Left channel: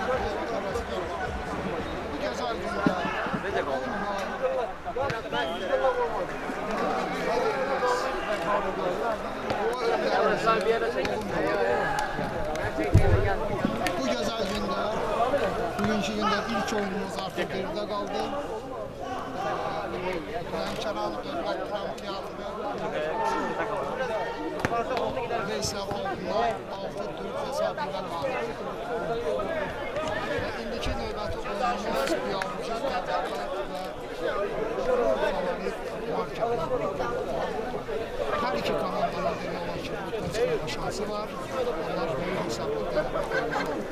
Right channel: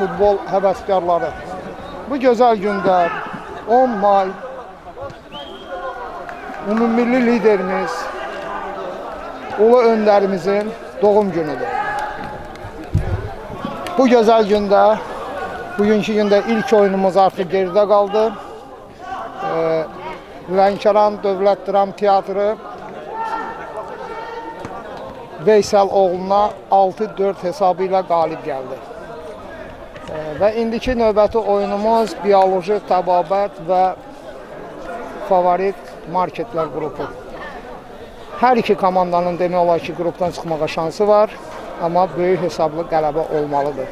futbol həvəskarları. Bu gözəl gündə 10 may ümummilli liderimiz, ulu öndərimizin doğum günüdür. Bu gözəl gündə, bugünkü gündə ilk oyunumuz artıq geridə qaldı. Lənkəran Dövlət Dram Teatrı Veysel oğluna 6-4 hesabı ilə qalib gəldi. Və indiki növbəti oyunumuz bioloji təbabət və favorit marketlər qrupu. Hər iki komandanın demək olar ki, qrupdan çıxmağa şansı var, amma böyük hesablı qələbə olmalıdır.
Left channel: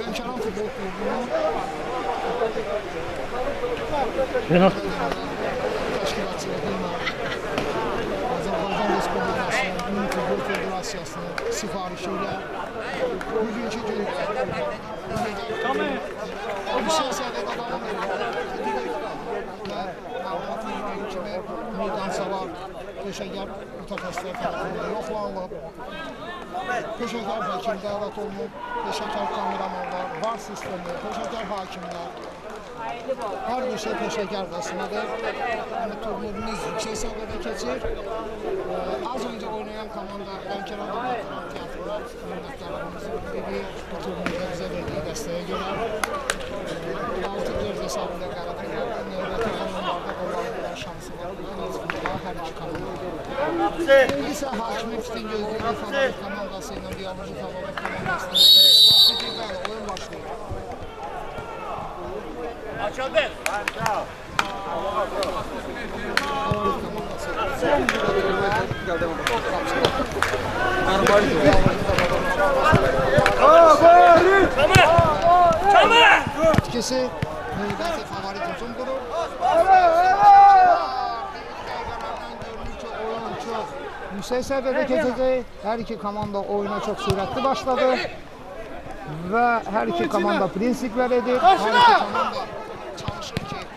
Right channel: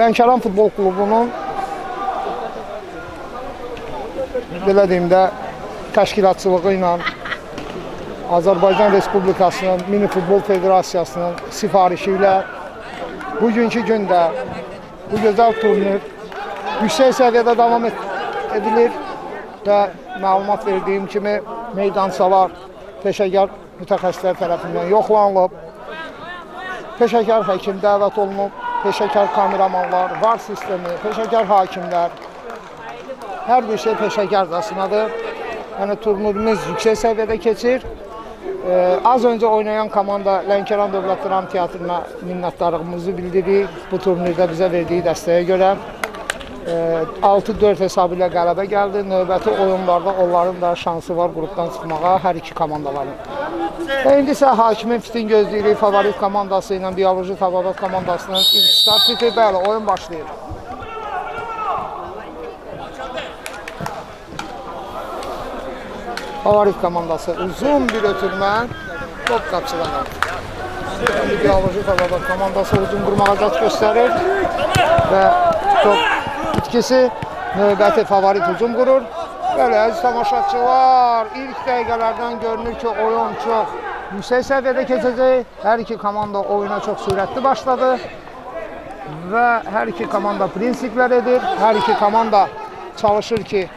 Lənkəran Futbol Klubunun belə deyim də təşkilatçılığı ilə Azərbaycan Respublikasının Mini Futbol Federasiyasının sifarişi ilə bugünkü gündə bu gözəl turnir yüksək səviyyədə davam edilir və məlumat verdiyim kimi meydançalar peşəkar mütəxəssislər tərəfindən yoxlanılıb, peşəkar həkim dəvət olunub, peşəkar kameramanlar, VAR sistemi, peşəkar hakimlər, hər bir şey peşəkarcasınadır. Yəni turnirimiz yüksək səviyyədə keçir. Az öncə oynayan komanda Lənkəran Dövlət Dram Teatrına minnətdarlığımızı bildiririk bu turnirdə bizə verdiyi dəstəyə görə. 6-4 hesabı ilə qələbə gəldi. Növbəti oyunlarda onların da şansı var qrupdan çıxmağa hər iki komandaların. İndi isə hakimin fitin gözləyirik favorit komandası ilə bioloji təbabət komandasının ilk start bitir. Bəli, oyun başlayır. Favorit komandası uzun bir ötürmə top qapçılar. Bioloji təbabət komandası uzun bir mağazat göstərir və top itkisi növbəti favorit hücum qurur. Belə əziz tamaşaçılar, ilk dəqiqələrdən görünür ki, oyun çox yüksək səviyyədə keçəcək. Hər iki komanda oyuna çox sürətli başladı və hər iki komanda prinsiplər edir. Hər iki komanda çalışır ki,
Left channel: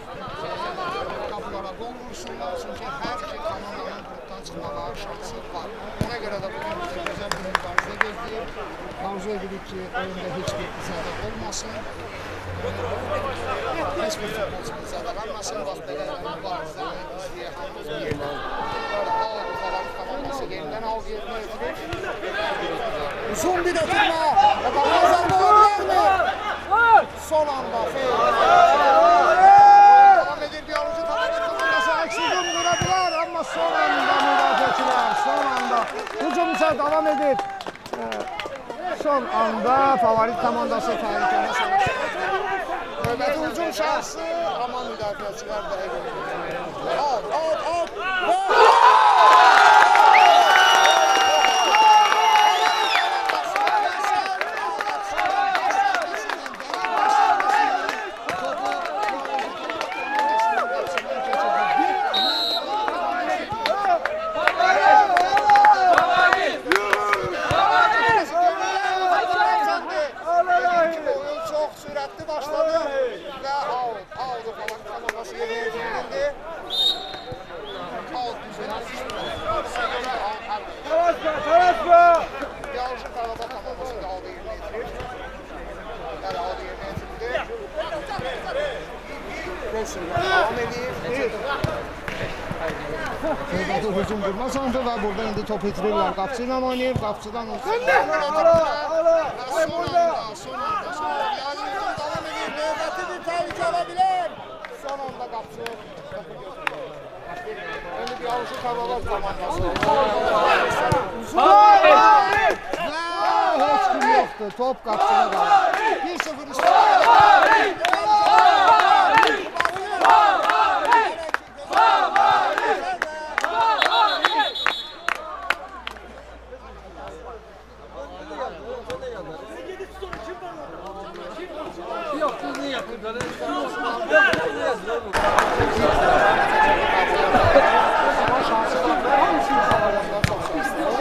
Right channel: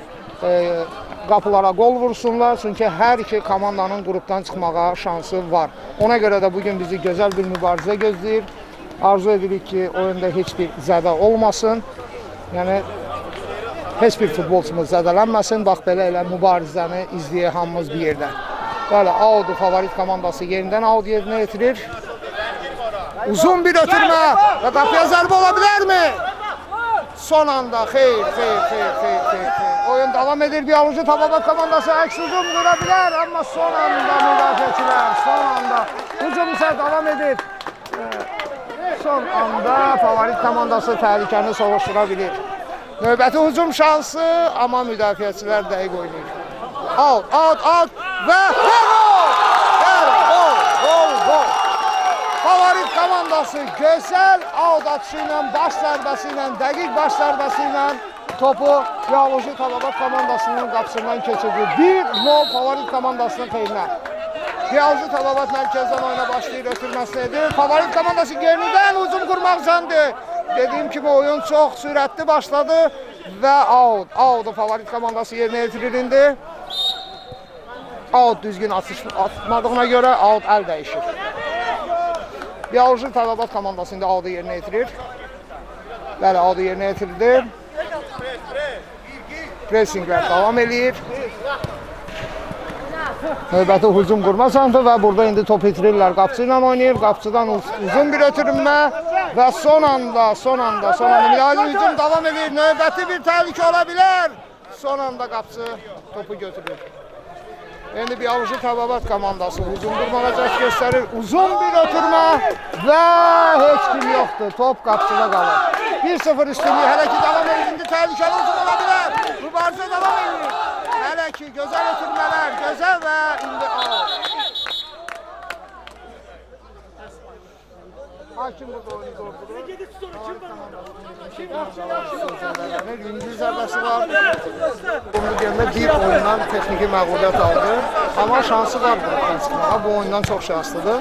qapılara qol vursunlar, çünki hər iki komandanın qrupdan çıxmağa şansı var. Ona görə də bugün bizi gözəl bir mübarizə gözləyir. Arzu edirik ki, oyunda heç bir zədə olmasın. Yəni, heç bir futbolçumuz zədələnməsin, bax belə elə mübarizəni izləyək hamımız bir yerdən. Bəli, Audu favorit komandası yerindən Audu yerinə yetirir. Uzun bir ötürmə və qapıya zərbə ola bilərmi? Son anda, xeyr. Oyun davam edir, bioloji təbabət komandası əks hücum qura bilər, amma son anda müdafiəçilər, son anda hücum isə davam edir. Son anda favorit komandası təhlükəni soğuşdura bilir. Növbəti hücum şansı, amma müdafiəçilər dəqiq oyundur. Out və favorit komandası gözəl out atışı ilə, baş zərbəsi ilə, dəqiq baş zərbəsi ilə topu bioloji təbabət komandasının qapısından keçirdi. 1-0 favorit komandasının xeyrinə. Bioloji təbabət mərkəzi oyuna başlayır götürməsidir. Favorit komandası yenidən uzun qurmaq zandı. Dediyim kimi oyun çox sürətli başladı və out favorit komandası yerinə yetirildi. Out düzgün atmadığına görə out əl dəyişir. Bioloji təbabət komandasında out yerinə yetirir. Bəli, out yerinə yetirildi. Pressinglər davam edir. Növbəti hücum qurma sandı və burada indi top itirirlər. Qapçı ilə oynayır. Qapçıdan uzun bir ötürünmə və son anda mülayim hücum davam edir. Növbəti bir təhlükə ola bilər. Son anda qapçı topu götürür. Yəni bioloji təbabət komandası göstərir. Uzun bir ötürünmə və heç kim yoxdur. Top qapçıda qalır. 1-0 üstünlüyü hələ ki davam edir. Təhlükə var. Hələ ki gözəl və ama şansı da bu oyundan çok şanslıdır.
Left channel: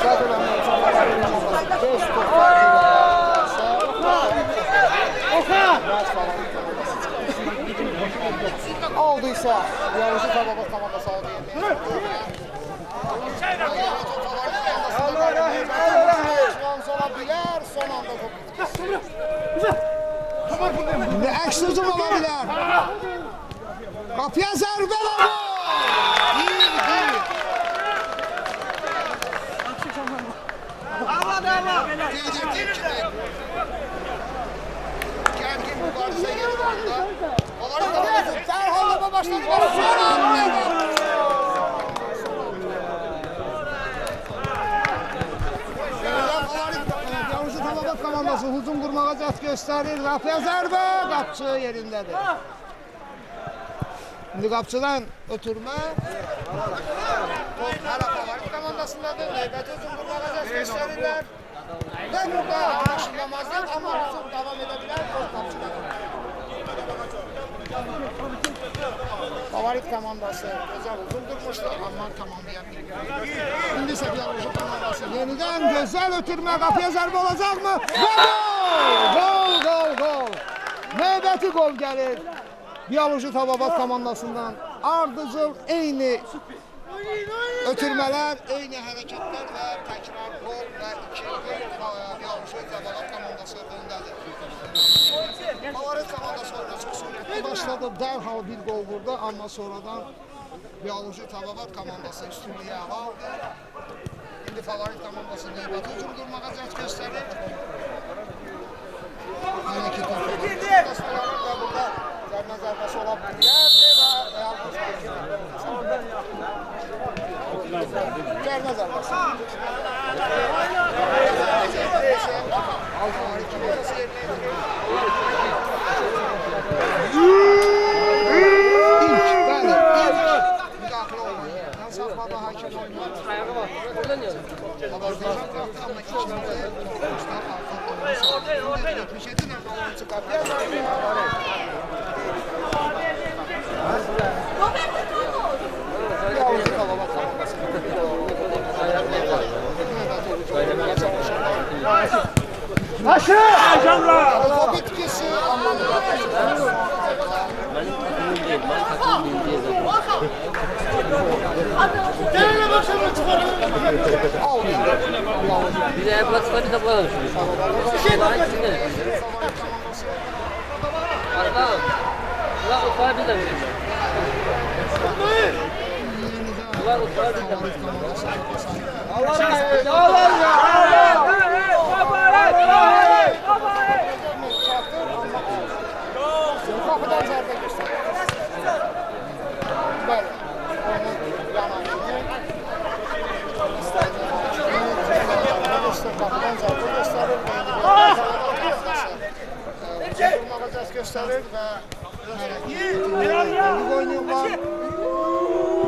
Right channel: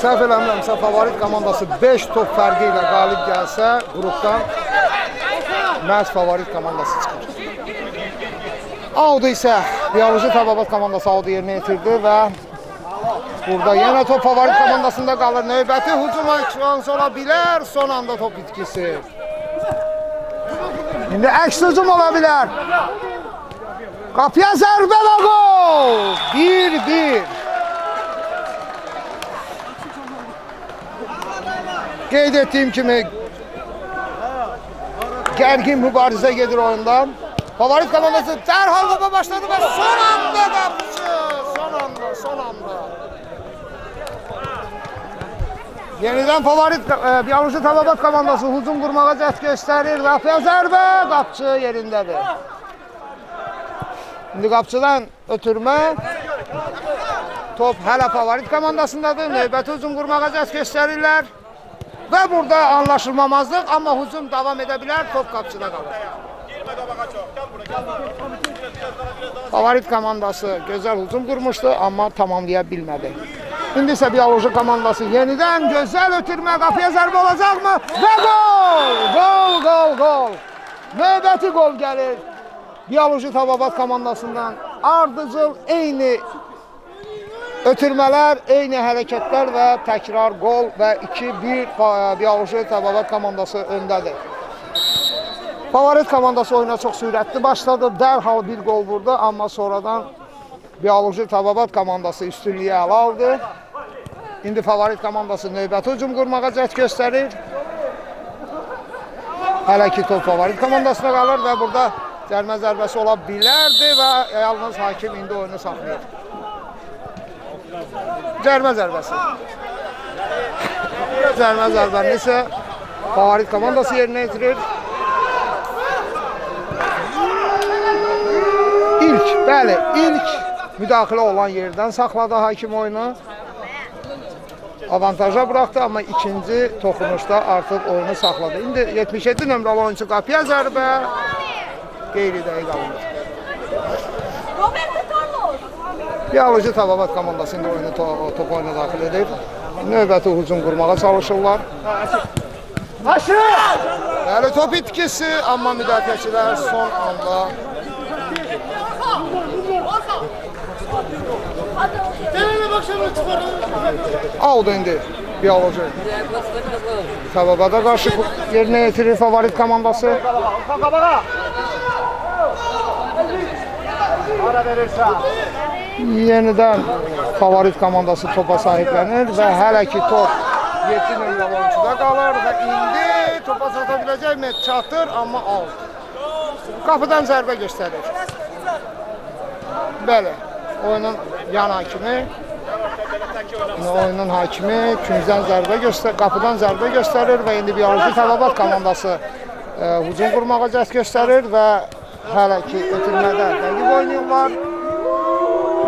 Səhv eləmirəmsə, favorit komandası 5 top fərqi ilə qalib gəlsə, grupda məhz favorit komandası çıxır. Audu isə bioloji Təbabat komandası Audu yerinə yetirdi və burada yenə top favorit komandasında qalır. Növbəti hücuma şans ola bilər. Son anda top itkisi. İndi əks hücum ola bilər. Qapıya zərbə və gol! 1-1. Qeyd etdiyim kimi gərgin mübarizə gedir oyundan. Favorit komandası dərhal topa başladı və son anda yenidən favorit bioloji Təbabat komandası hücum qurmağa cəhd göstərir. Qapıya zərbə, qapçı yerindədir. İndi qapçıdan ötürmə. Top hələ favorit komandasındadır. Növbəti hücum qurmağa cəhd göstərirlər. Və burada anlaşılmamazlıq, amma hücum davam edə bilər. Top qapçıda qalır. Favorit komandası gözəl hücum qurmuşdu, amma tamamlaya bilmədi. İndi isə bioloji komandası yenidən gözəl ötürmə, qapıya zərbə olacaqmı? Və gol! Gol, gol, gol! Növbəti gol gəlir. Bioloji Təbabat komandasından ardıcıl eyni ötürmələr, eyni hərəkətlər və təkrar gol və 2-1 bioloji Təbabat komandası öndədir. Favorit komandası oyuna çox sürətli başladı, dərhal bir gol vurdu, amma sonradan bioloji Təbabat komandası üstünlüyü ələ aldı. İndi favorit komandası növbəti hücum qurmağa cəhd göstərir. Hələ ki top favorit komandasına qalır və burada cərmə zərbəsi ola bilərdi və yalnız hakim indi oyunu saxlayır. Cərmə zərbəsi. Cərmə zərbəni isə favorit komandası yerinə yetirir. İlk müdaxilə olan yerdən saxladı hakim oyunu. Avantaja buraxdı, amma ikinci toxunuşda artıq oyunu saxladı. İndi 77 nömrəli oyuncu qapıya zərbə. Qeyri-dəqiq aldı. Bioloji Təbabat komandası topa müdaxilə edir. Növbəti hücum qurmağa çalışırlar. Top itkisi, amma müdafiəçilər son anda Audu indi bioloji Təbabata qarşı yerinə yetirir favorit komandası. Yenidən favorit komandası topa sahiblənir və hələ ki top topa çata biləcəkmi? Çatır, amma alır. Qapıdan zərbə göstərir. Bəli, oyunun yan hakimi. Oyunun hakimi tümüzdən zərbə göstərir, qapıdan zərbə göstərir və indi bioloji Təbabat komandası hücum qurmağa cəhd göstərir və hələ ki ötürmədə dəqiq oynayırlar.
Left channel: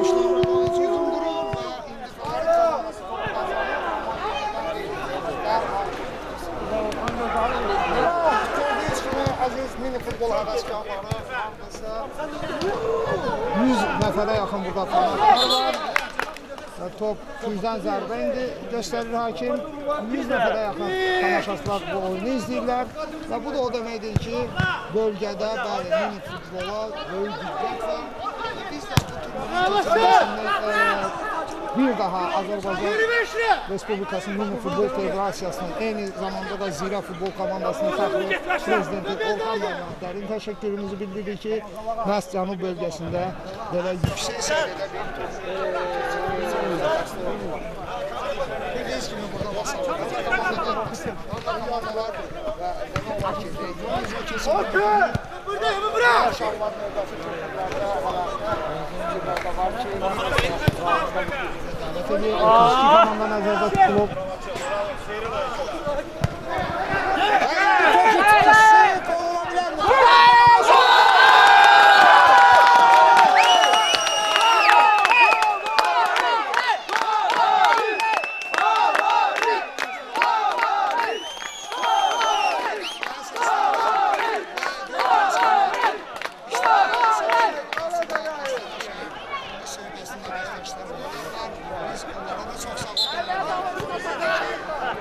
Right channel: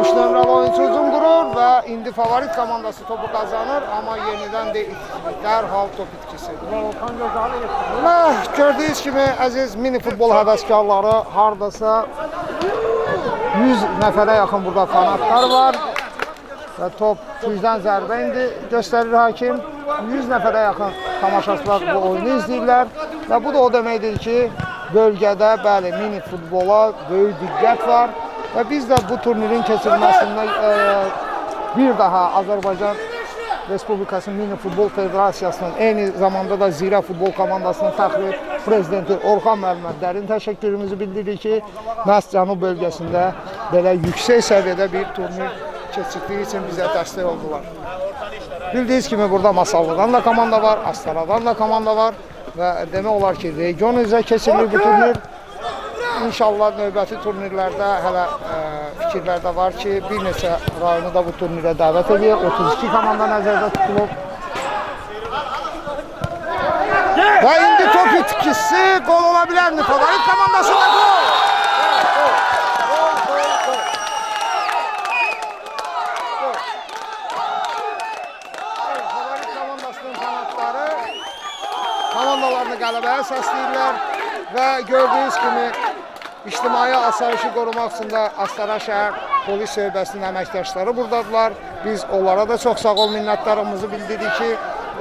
3 nömrəli oyuncu hücum qurur və indi favorit komandası topu qazanır, amma yenidən deyil. Dərhal top itkisi. Gördüyünüz kimi, əziz mini futbol həvəskarları haradasa 100 nəfərə yaxın burada fanatlar var. Və top tüydən zərbə indi göstərir hakim. 100 nəfərə yaxın tamaşaçılar bu oyunu izləyirlər. Və bu da o deməkdir ki, bölgədə bəli mini futbola böyük diqqət var. Və biz də bu turnirin keçirilməsində bir daha Azərbaycan Respublikası Mini Futbol Federasiyasının, eyni zamanda da Zira Futbol komandasının fəxri prezidenti Orxan müəllimə dərin təşəkkürümüzü bildiririk ki, məhz Cənub bölgəsində belə yüksək səviyyədə bir turnir keçirdiyi üçün bizə dəstək oldular. Bildiyiniz kimi burada Masallıdan da komanda var, Astaradan da komanda var və demək olar ki, region üzrə keçirilir bu turnir. İnşallah növbəti turnirlərdə hələ fikirlər də var ki, bir neçə rayonu da bu turnirə dəvət edir. 32 komanda nəzərdə tutulub. Və indi top itkisi qol ola bilərmi? Favorit komandası var. Komandalarını qələbəyə səsləyirlər və gördüyünüz kimi İctimai asayişi qorumaq üçün də Astara şəhər polis şöbəsinin əməkdaşları buradadırlar. Biz onlara da çox sağ ol minnətdarımızı bildiririk ki,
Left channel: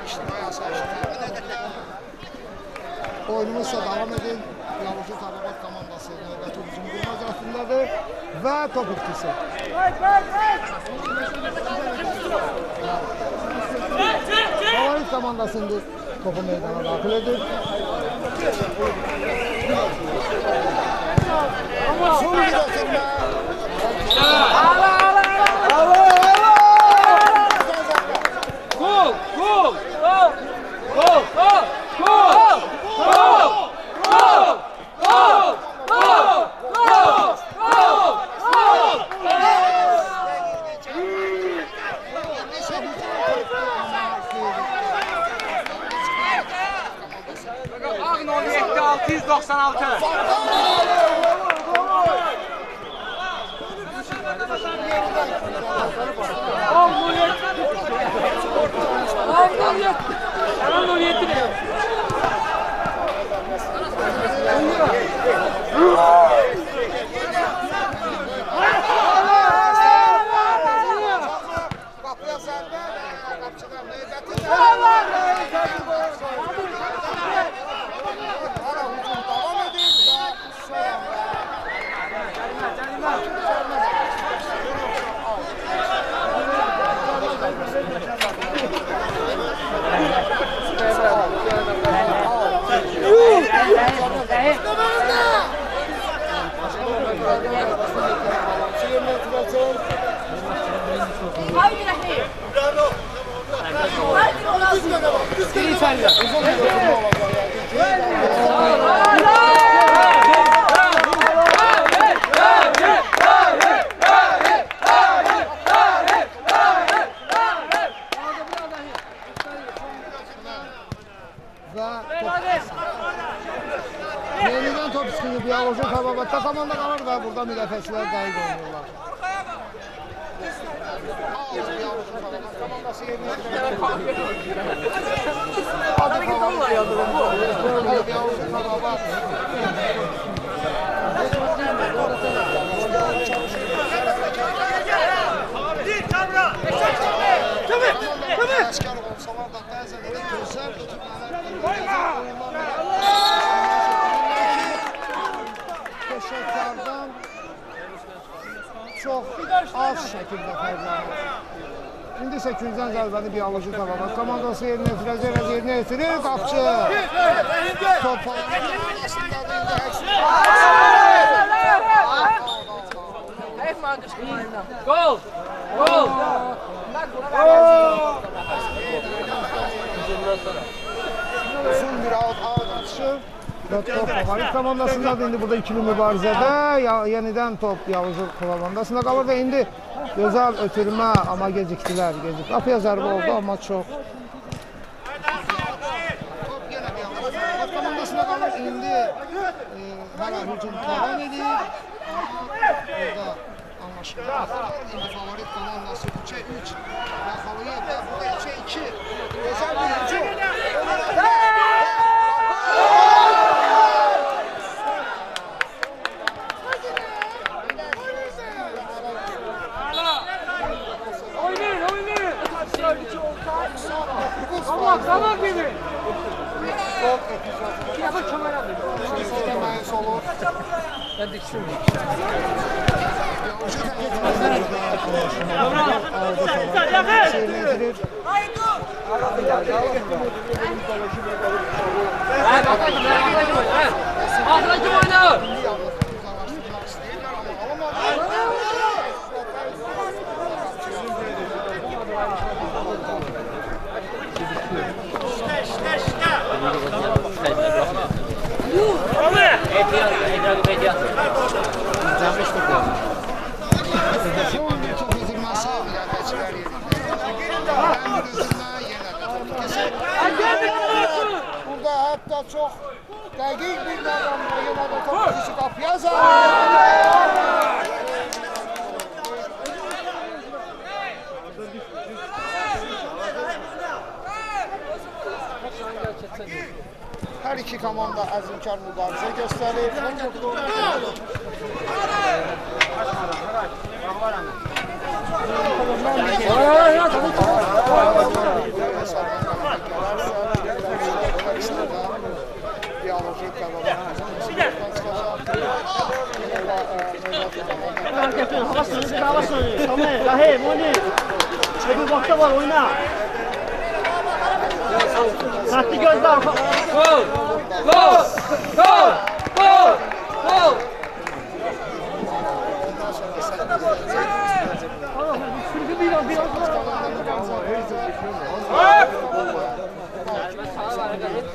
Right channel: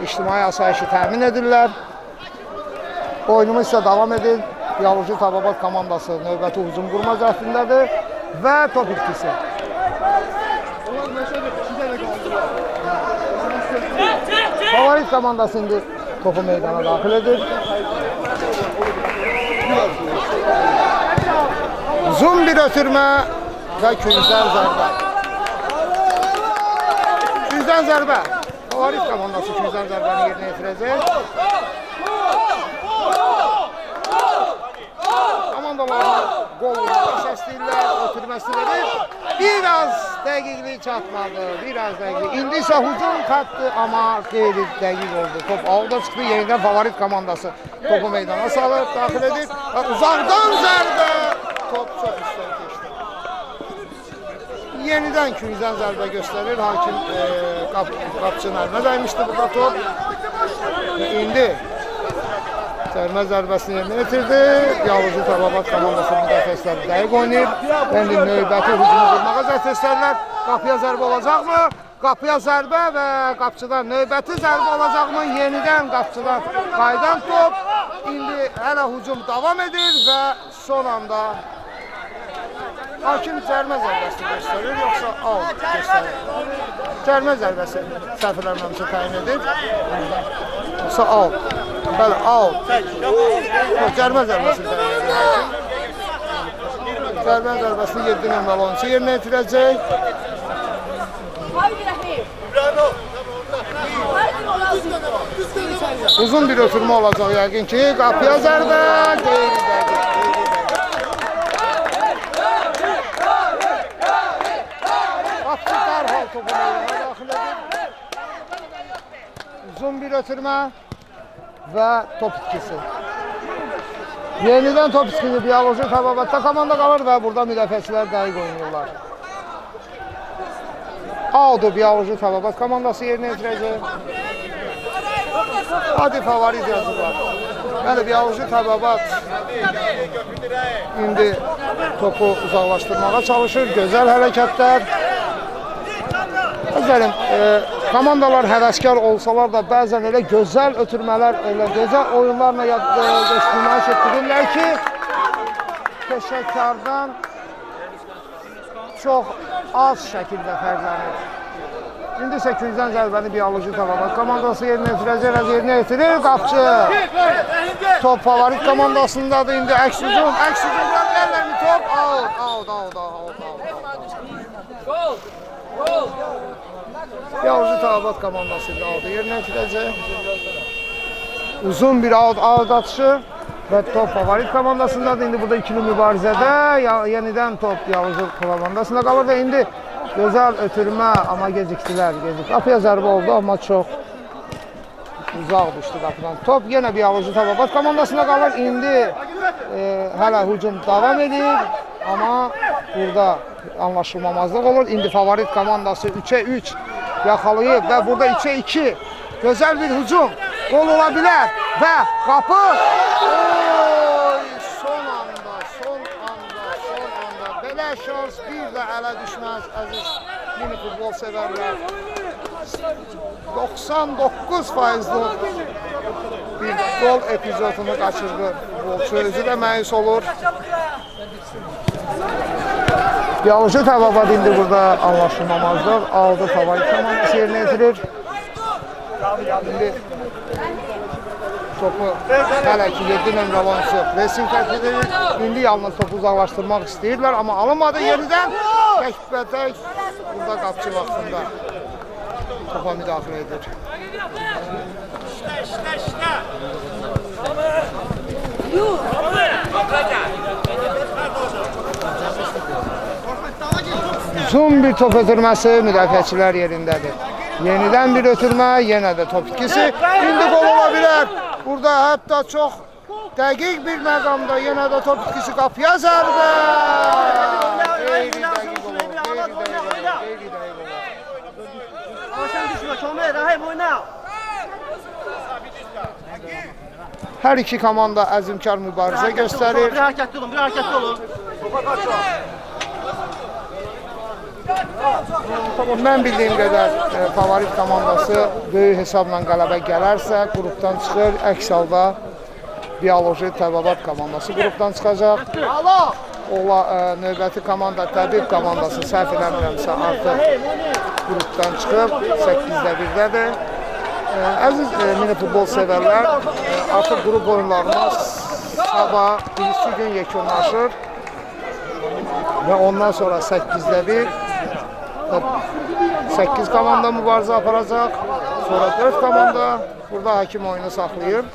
ictimai asayişi təmin edirlər. Oyunumuz isə davam edir. Bioloji Tababat komandası növbəti hücum qurma cəhdindədir və top itkisi. Favorit komandası indi topu meydana daxil edir. Uzun bir ötürmə və Gülzən zərbə. Biraz dəqiqlik çatmadı, biraz dəqiqlik. İndi isə hücum xətti, amma qeyri dəqiq oldu. Top alda çıxdı, yenidən favorit komandası topu meydana salır. Uzaqdan zərbə. Yenidən Gülzən zərbə göstərir. Qapçılarına dəymişdir bu topu. İndi sərmə zərbəsini bitirdi. Yavuzcu Tababat komandası dəqiq oynayır. İndi növbəti hücum qurmağa testlərlər. Qapıya zərbə olacaqmı? Qapıya zərbə və qapçılar növbəti zərbə olacaqmı? Yenidən qapçılar qaydan top. İndi hələ hücum davam edir və son anda hakim cərmə zərbəsi göstərir, yoxsa out. Cərmə zərbəsi səhvlərlə çıxarır edir. Yoxsa out. Out. Cərmə zərbəsi. Cərmə zərbəsini getirən balonçu yerinə itirəcək. Uzun bir oturma olacaq yəqin ki, qapıya zərbə. Uzun bir ötürmə və top itkisi. Yenidən top itkisi Bioloji Tababatda komanda qalır və burada müdafiəçilər dəqiq oynayırlar. Aldı Bioloji Tababat komandası yerinə yetirəcək. Hadi favorit yazılır. Hadi Bioloji Tababat indi topu uzaqlaşdırmağa çalışır. Gözəl hərəkətlər. Güzelim, komandalar həvəskar olsalar da bəzən elə gözəl ötürmələr, elə gözəl oyunlarla nümayiş etdirirlər ki, peşəkardan çox az şəkildə fərqlənir. İndi isə Gülzən zərbəni Bioloji Tababat komandası yerinə yetirəcək və yerinə yetirir qapçı. Top favorit komandasındadır, indi əks hücum, Gol! Gol! Bioloji Tababat komandası yerinə yetirəcək. Uzun bir out atışı və top favorit komandasındadır. İndi burada ikili mübarizədə yenidən top Bioloji komandasında qalır və indi gözəl ötürmə, amma gecikdilər. Qapıya zərbə oldu, amma çox uzaq düşdü qapıdan. Top yenə Bioloji Tababat komandasında qalır. İndi hələ hücum davam edir, amma burada anlaşılmamazlıq olur. İndi favorit komandası 3'e 3 yaxalayıb və burada 2'e 2 gözəl bir hücum gol ola bilər və qapı belə şans bir də hələ düşməz. 99% bir gol epizodunu qaçırdı. Sözü də məyus olur. Bioloji Tababat indi burada anlaşılmamazlıq aldı favorit komandası yerinə yetirir. İndi yalnız topu uzaqlaşdırmaq istəyirlər, amma alınmadı yerindən. Tək burada qapçı vaxtında topa müdaxilə edir. Son bir top ötürməsi müdafiəçilər yerindədir. Yenidən bir ötürmə, yenə də top ikisi. İndi gol ola bilər. Burada hətta çox dəqiq bir məqamda yenə də top ikisi qapıya zərbə. Hər iki komanda əzmkar mübarizə göstərir. Mən bildiyim qədər favorit komandası böyük hesabla qələbə gələrsə, qrupdan çıxır, əks halda Biyoloji Təbabat komandası qrupdan çıxacaq. Növbəti komanda Dəqiq komandası qrupdan çıxıb. 8-1-dədir. Əziz mini futbol sevərlər, qrup oyunlarımız sabah gün yekunlaşır və ondan sonra 8-1 8 komanda mübarizə aparacaq. Sonra 4 komanda burada hakim oyunu saxlayıb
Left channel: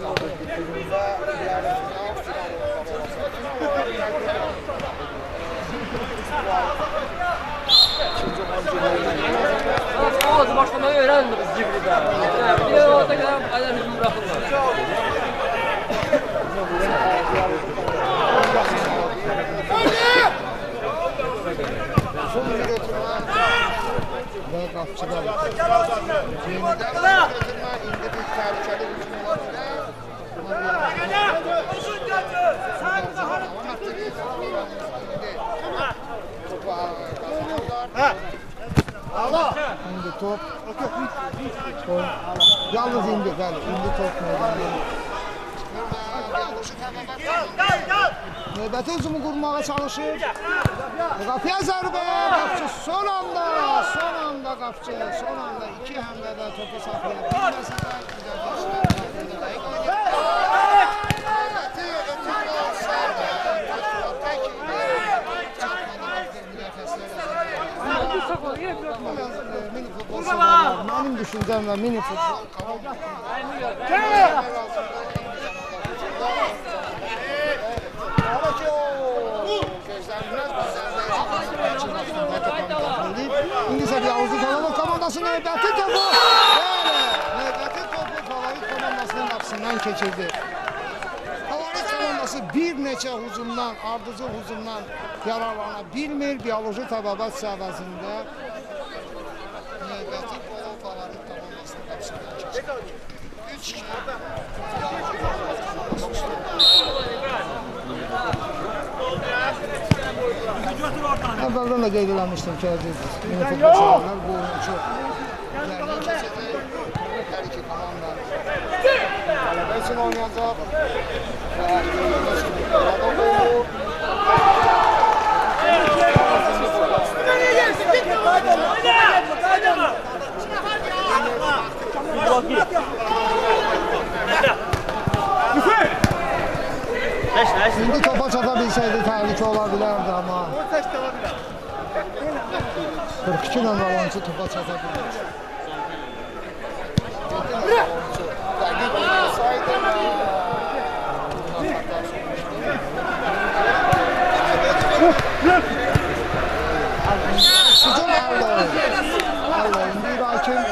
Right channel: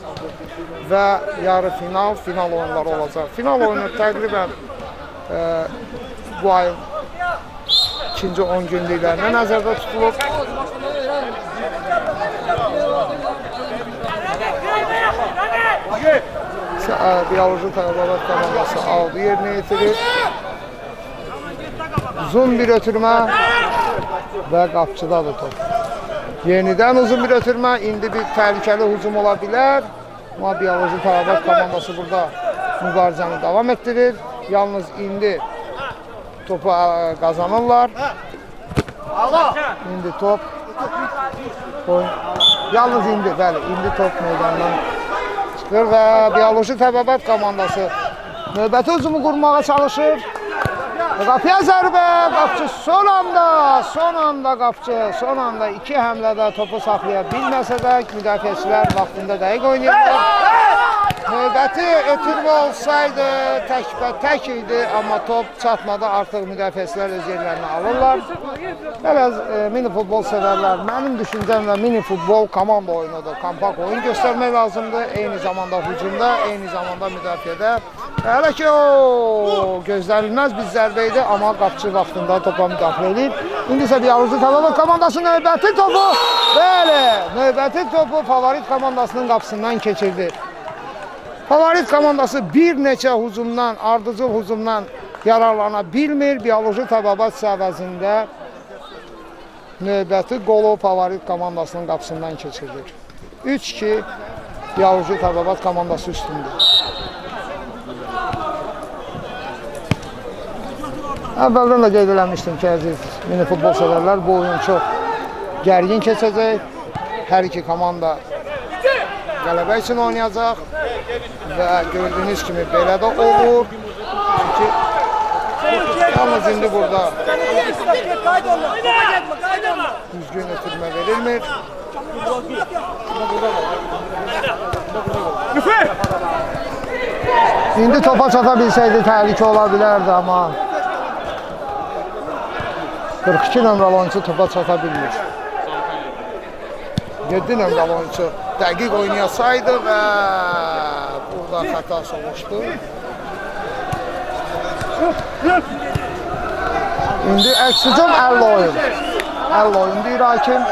və yarı final oyunları olacaq. Final oyunu təqribən bu ay ikinci 10 günlüklərində nəzərdə tutulur. Başlamayı öğrendik biz burada. Biyoloji Təbabat yerinə yetirir. Uzun bir ötürmə və qapçıdadır top. Yenidən uzun bir ötürmə, indi bir təhlükəli hücum ola bilər. Amma Biyoloji Təbabat komandası burada mübarizəni davam etdirir. Yalnız indi topu qazanırlar. İndi top. Yalnız indi, bəli, indi top meydandan çıxır və Biyoloji Təbabat komandası növbəti hücumu qurmağa çalışır. Qapıya zərbə, qapçı son anda qapçı, son anda iki həmlədə topu saxlaya bilməsə də müdafiəçilər vaxtında dəqiq oynayırlar. Növbəti ötürmə olsaydı tək idi, amma top çatmadı, artıq müdafiəçilər öz yerlərini alırlar. Biraz mini futbol sevərlər, mənim düşüncəmlə mini futbol komanda oyunudur. Kompakt oyun göstərmək lazımdır, eyni zamanda hücumda, eyni zamanda müdafiədə. Hələ ki o gözlənilməz bir zərbə idi, amma qapçı vaxtında topa müdafiə edib. İndi isə Biyoloji Təbabat komandası növbəti topu, bəli, növbəti topu favorit komandasının qapısından keçirdi. Favorit komandası bir neçə hücumdan, ardıcıl hücumdan yararlana bilmir. Biyoloji Təbabat əvəzində növbəti qolu favorit komandasının qapısından keçirdi. 3-2 Biyoloji Təbabat komandası üstündə. Əvvəldən də qeyd eləmişdim ki, əziz mini futbol sevərlər, bu oyun çox gərgin keçəcək. Hər iki komanda qələbə üçün oynayacaq və gördüyünüz kimi belə də olur. Yalnız indi burada düzgün verilmir. İndi topa çata bilsəydi təhlükə ola bilərdi, amma 42 nömrəli oyuncu topa çata bilmir. 7 nömrəli oyuncu dəqiq oynayasaydı və burada xəta olmuşdu. İndi əks hücum 50 oyun. 50 oyun deyir hakim.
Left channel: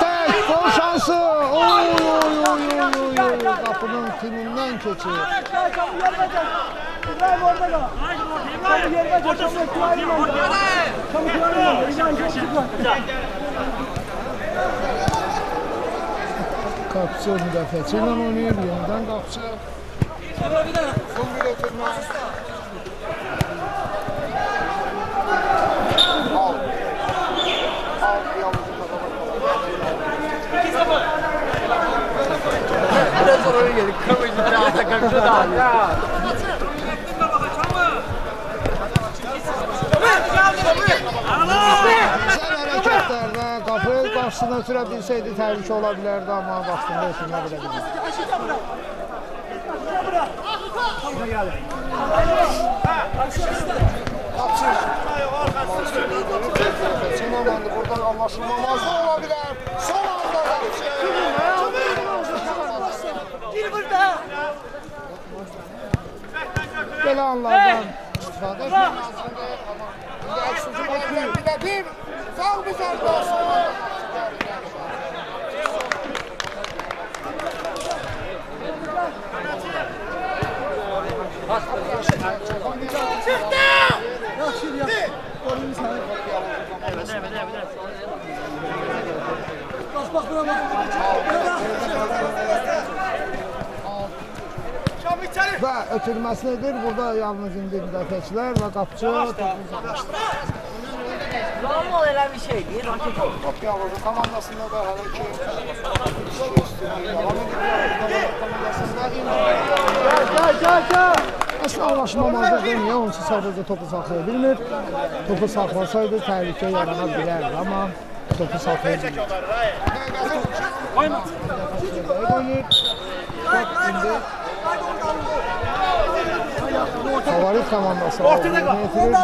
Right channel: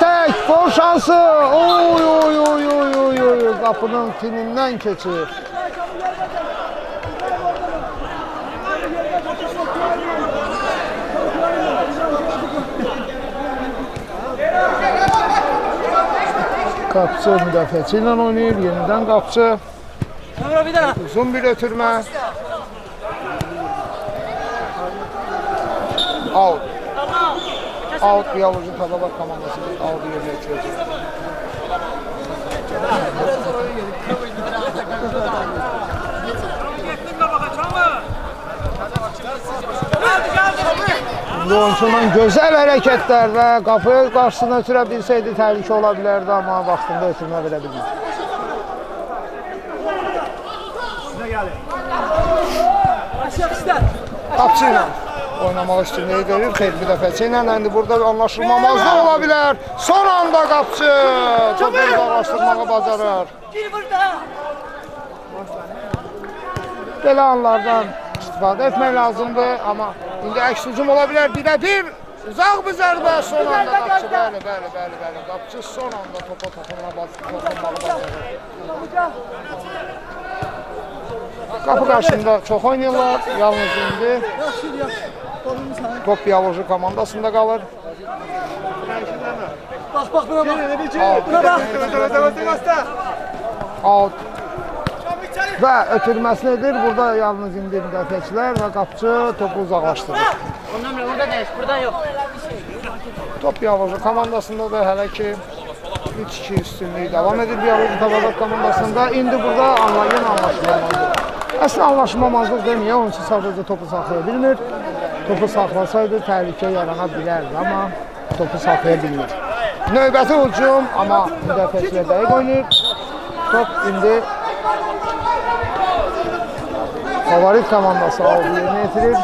Tək, gol şansı. Oy, qapının timindən keçir. Qapçı müdafiəçi ilə oynayır, yenidən qapçı. Uzun bir ötürmə. Out. Biyoloji Təbabat komandası. Biraz oraya geldik. Oyunçunun gözəl hərəkətlərlə qapı qarşısına ötürə bilsəydi təhlükə ola bilərdi, amma vaxtında ötürmə verə bilmədi. Qapçı ilə oynamaq üstünlüyü görür, tezli dəfəçi ilə. İndi burada bir anlaşılmamazlıq ola bilər. Son anda qapçı çok iyi anlaşılmalı bacarır. Belə anlardan istifadə etmək lazımdır, amma indi əks hücum ola bilər. Bir də bir uzaq bir zərbə son anda qapçı. Qapçı son anda topa toxunamaz. Qapı qarşısında çox oynuyorlar. Yalnız indi top Biyalıcı komandasında qalır. Bak buna bak. Buna bak. Out. Və ötürməsini edir. Burada yalnız indi müdafiəçilər və qapıcı topu uzaqlaşdırır. Ondan burada değil. Burada yok. Öyle bir şey değil. Raket olur. Top Biyalıcı komandasında da hələ ki 3-2 üstünlüyü devam edir Biyalıcı komandasında. İndi burada anlayın. Əslində anlaşmamazlıq deməyə, onun üçün sadəcə topu saxlaya bilmir. Topu saxlasaydı təhlükə yarana bilərdi, amma topu saxlaya bilmir. Növbəti hücum, amma müdafiəçilər dəqiq oynayır. Top indi favorit komandası aldı, yerinə yetirir.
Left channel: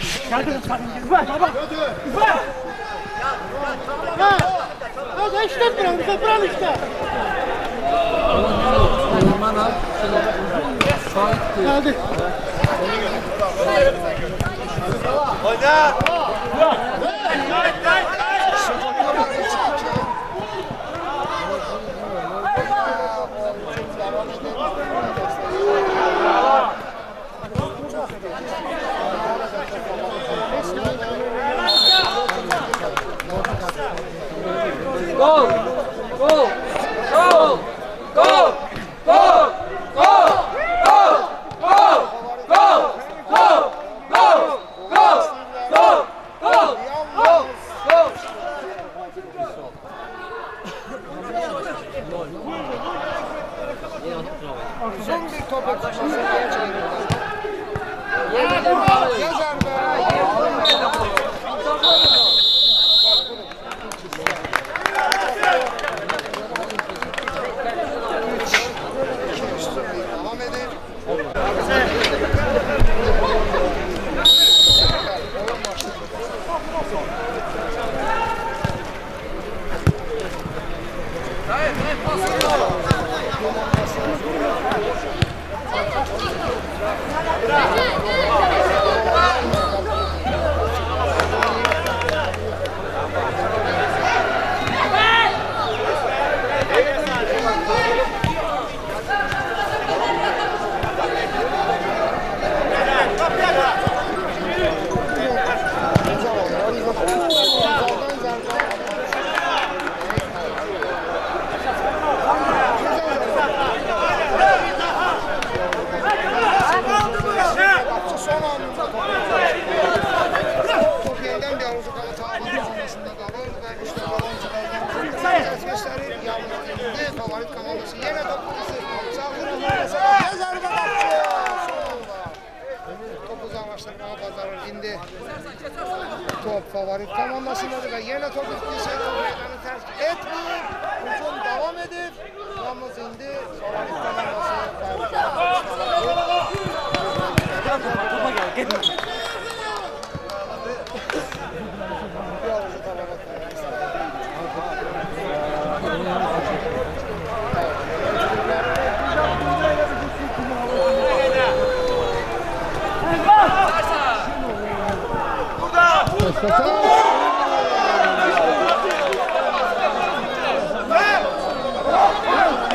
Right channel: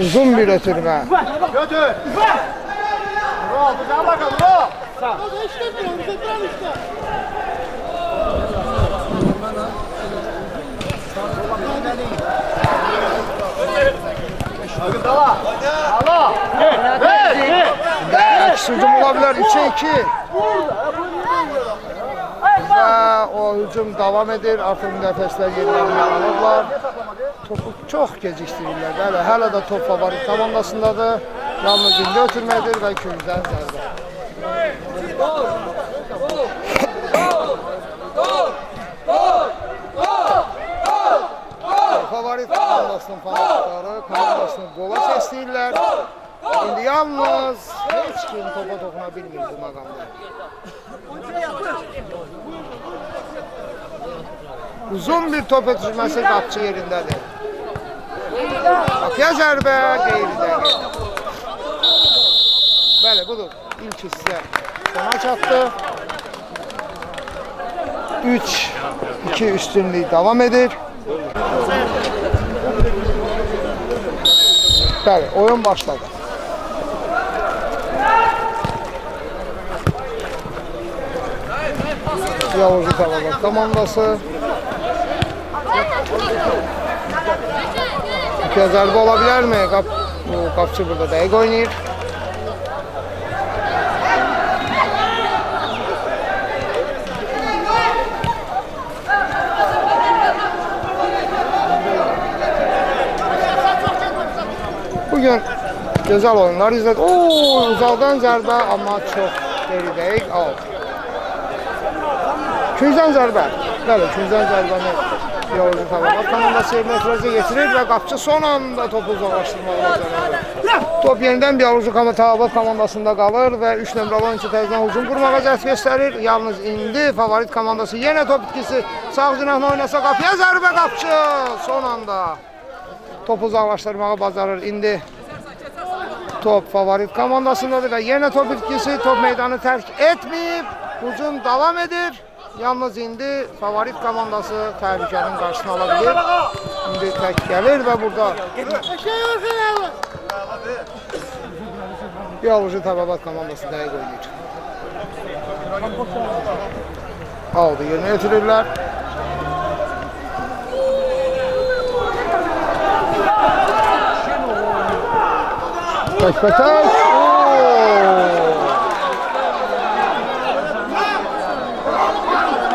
Uzun bir ötürmə. Hücum olabilir 2-2. O hücum devam edir. Artıq müdafiəçilər yerlərini alırlar. Çox gecikdirirlər. Hələ də top favorit komandasındadır. Yalnız indi ötürmədir və ikincilər. Gol! Gol! Gol! Gol! Gol! Gol! Gol! Gol! Favorit komandasının favoritləri golu istəyirlər. Yalnız heç kim topa toxuna bilmir. Uzun bir top ötürməsi qapçı yerindədir. Zərbə yerində. Bəli, budur. İlk hissə. Ona çatdı. 3-2 üstünlük devam edir. Bəli, oyun başladı. Biyalıcı komandası. Gözəlbə ola bilərmi? Qapçı burada dəqiq oynayır. Bugün gözəl oyunlar izlədik. Uzaqdan zərbə, amma çox dəqiq aldı. Tüzən zərbə. Bəli, tüzən zərbə. Və qapçı son anında topu ulaşdırır. Top yenidən Biyalıcı komandasında qalır və 3 nömrəli oyuncu təzədən uzun vurmağa cəhd göstərir. Yalnız indi favorit komandası yenə top itkisi sağ cinahına oynasa qapıya zərbə qapçı son anda topu uzaqlaşdırmağı bacarır. İndi top favorit komandasındadır və yenə top itkisi top meydanı tərk etməyib. Hücum davam edir. Yalnız indi favorit komandası təhlükənin qarşısına ala bilir. İndi tərk gəlir və burada Biyalıcı Təbabat komandası dəqiq aldı, yerinə ötürürlər. Tək-tək.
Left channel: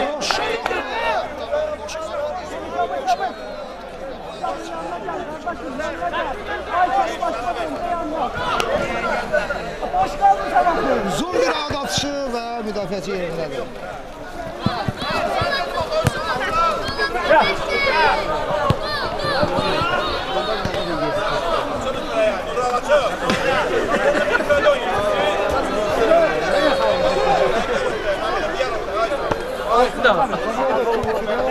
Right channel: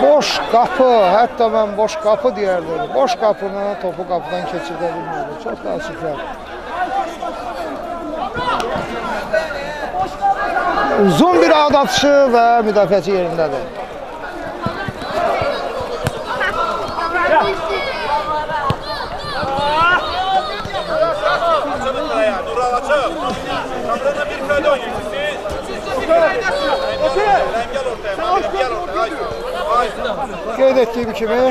Boş qapı, hətta mən boş qapı deyərdim. Boş qapını topu qapıdan keçirdə bilmirdi. Çox da açıqlar. Uzun bir ağ atışı və müdafiəçi yerindədir. Qeyd etdiyim kimi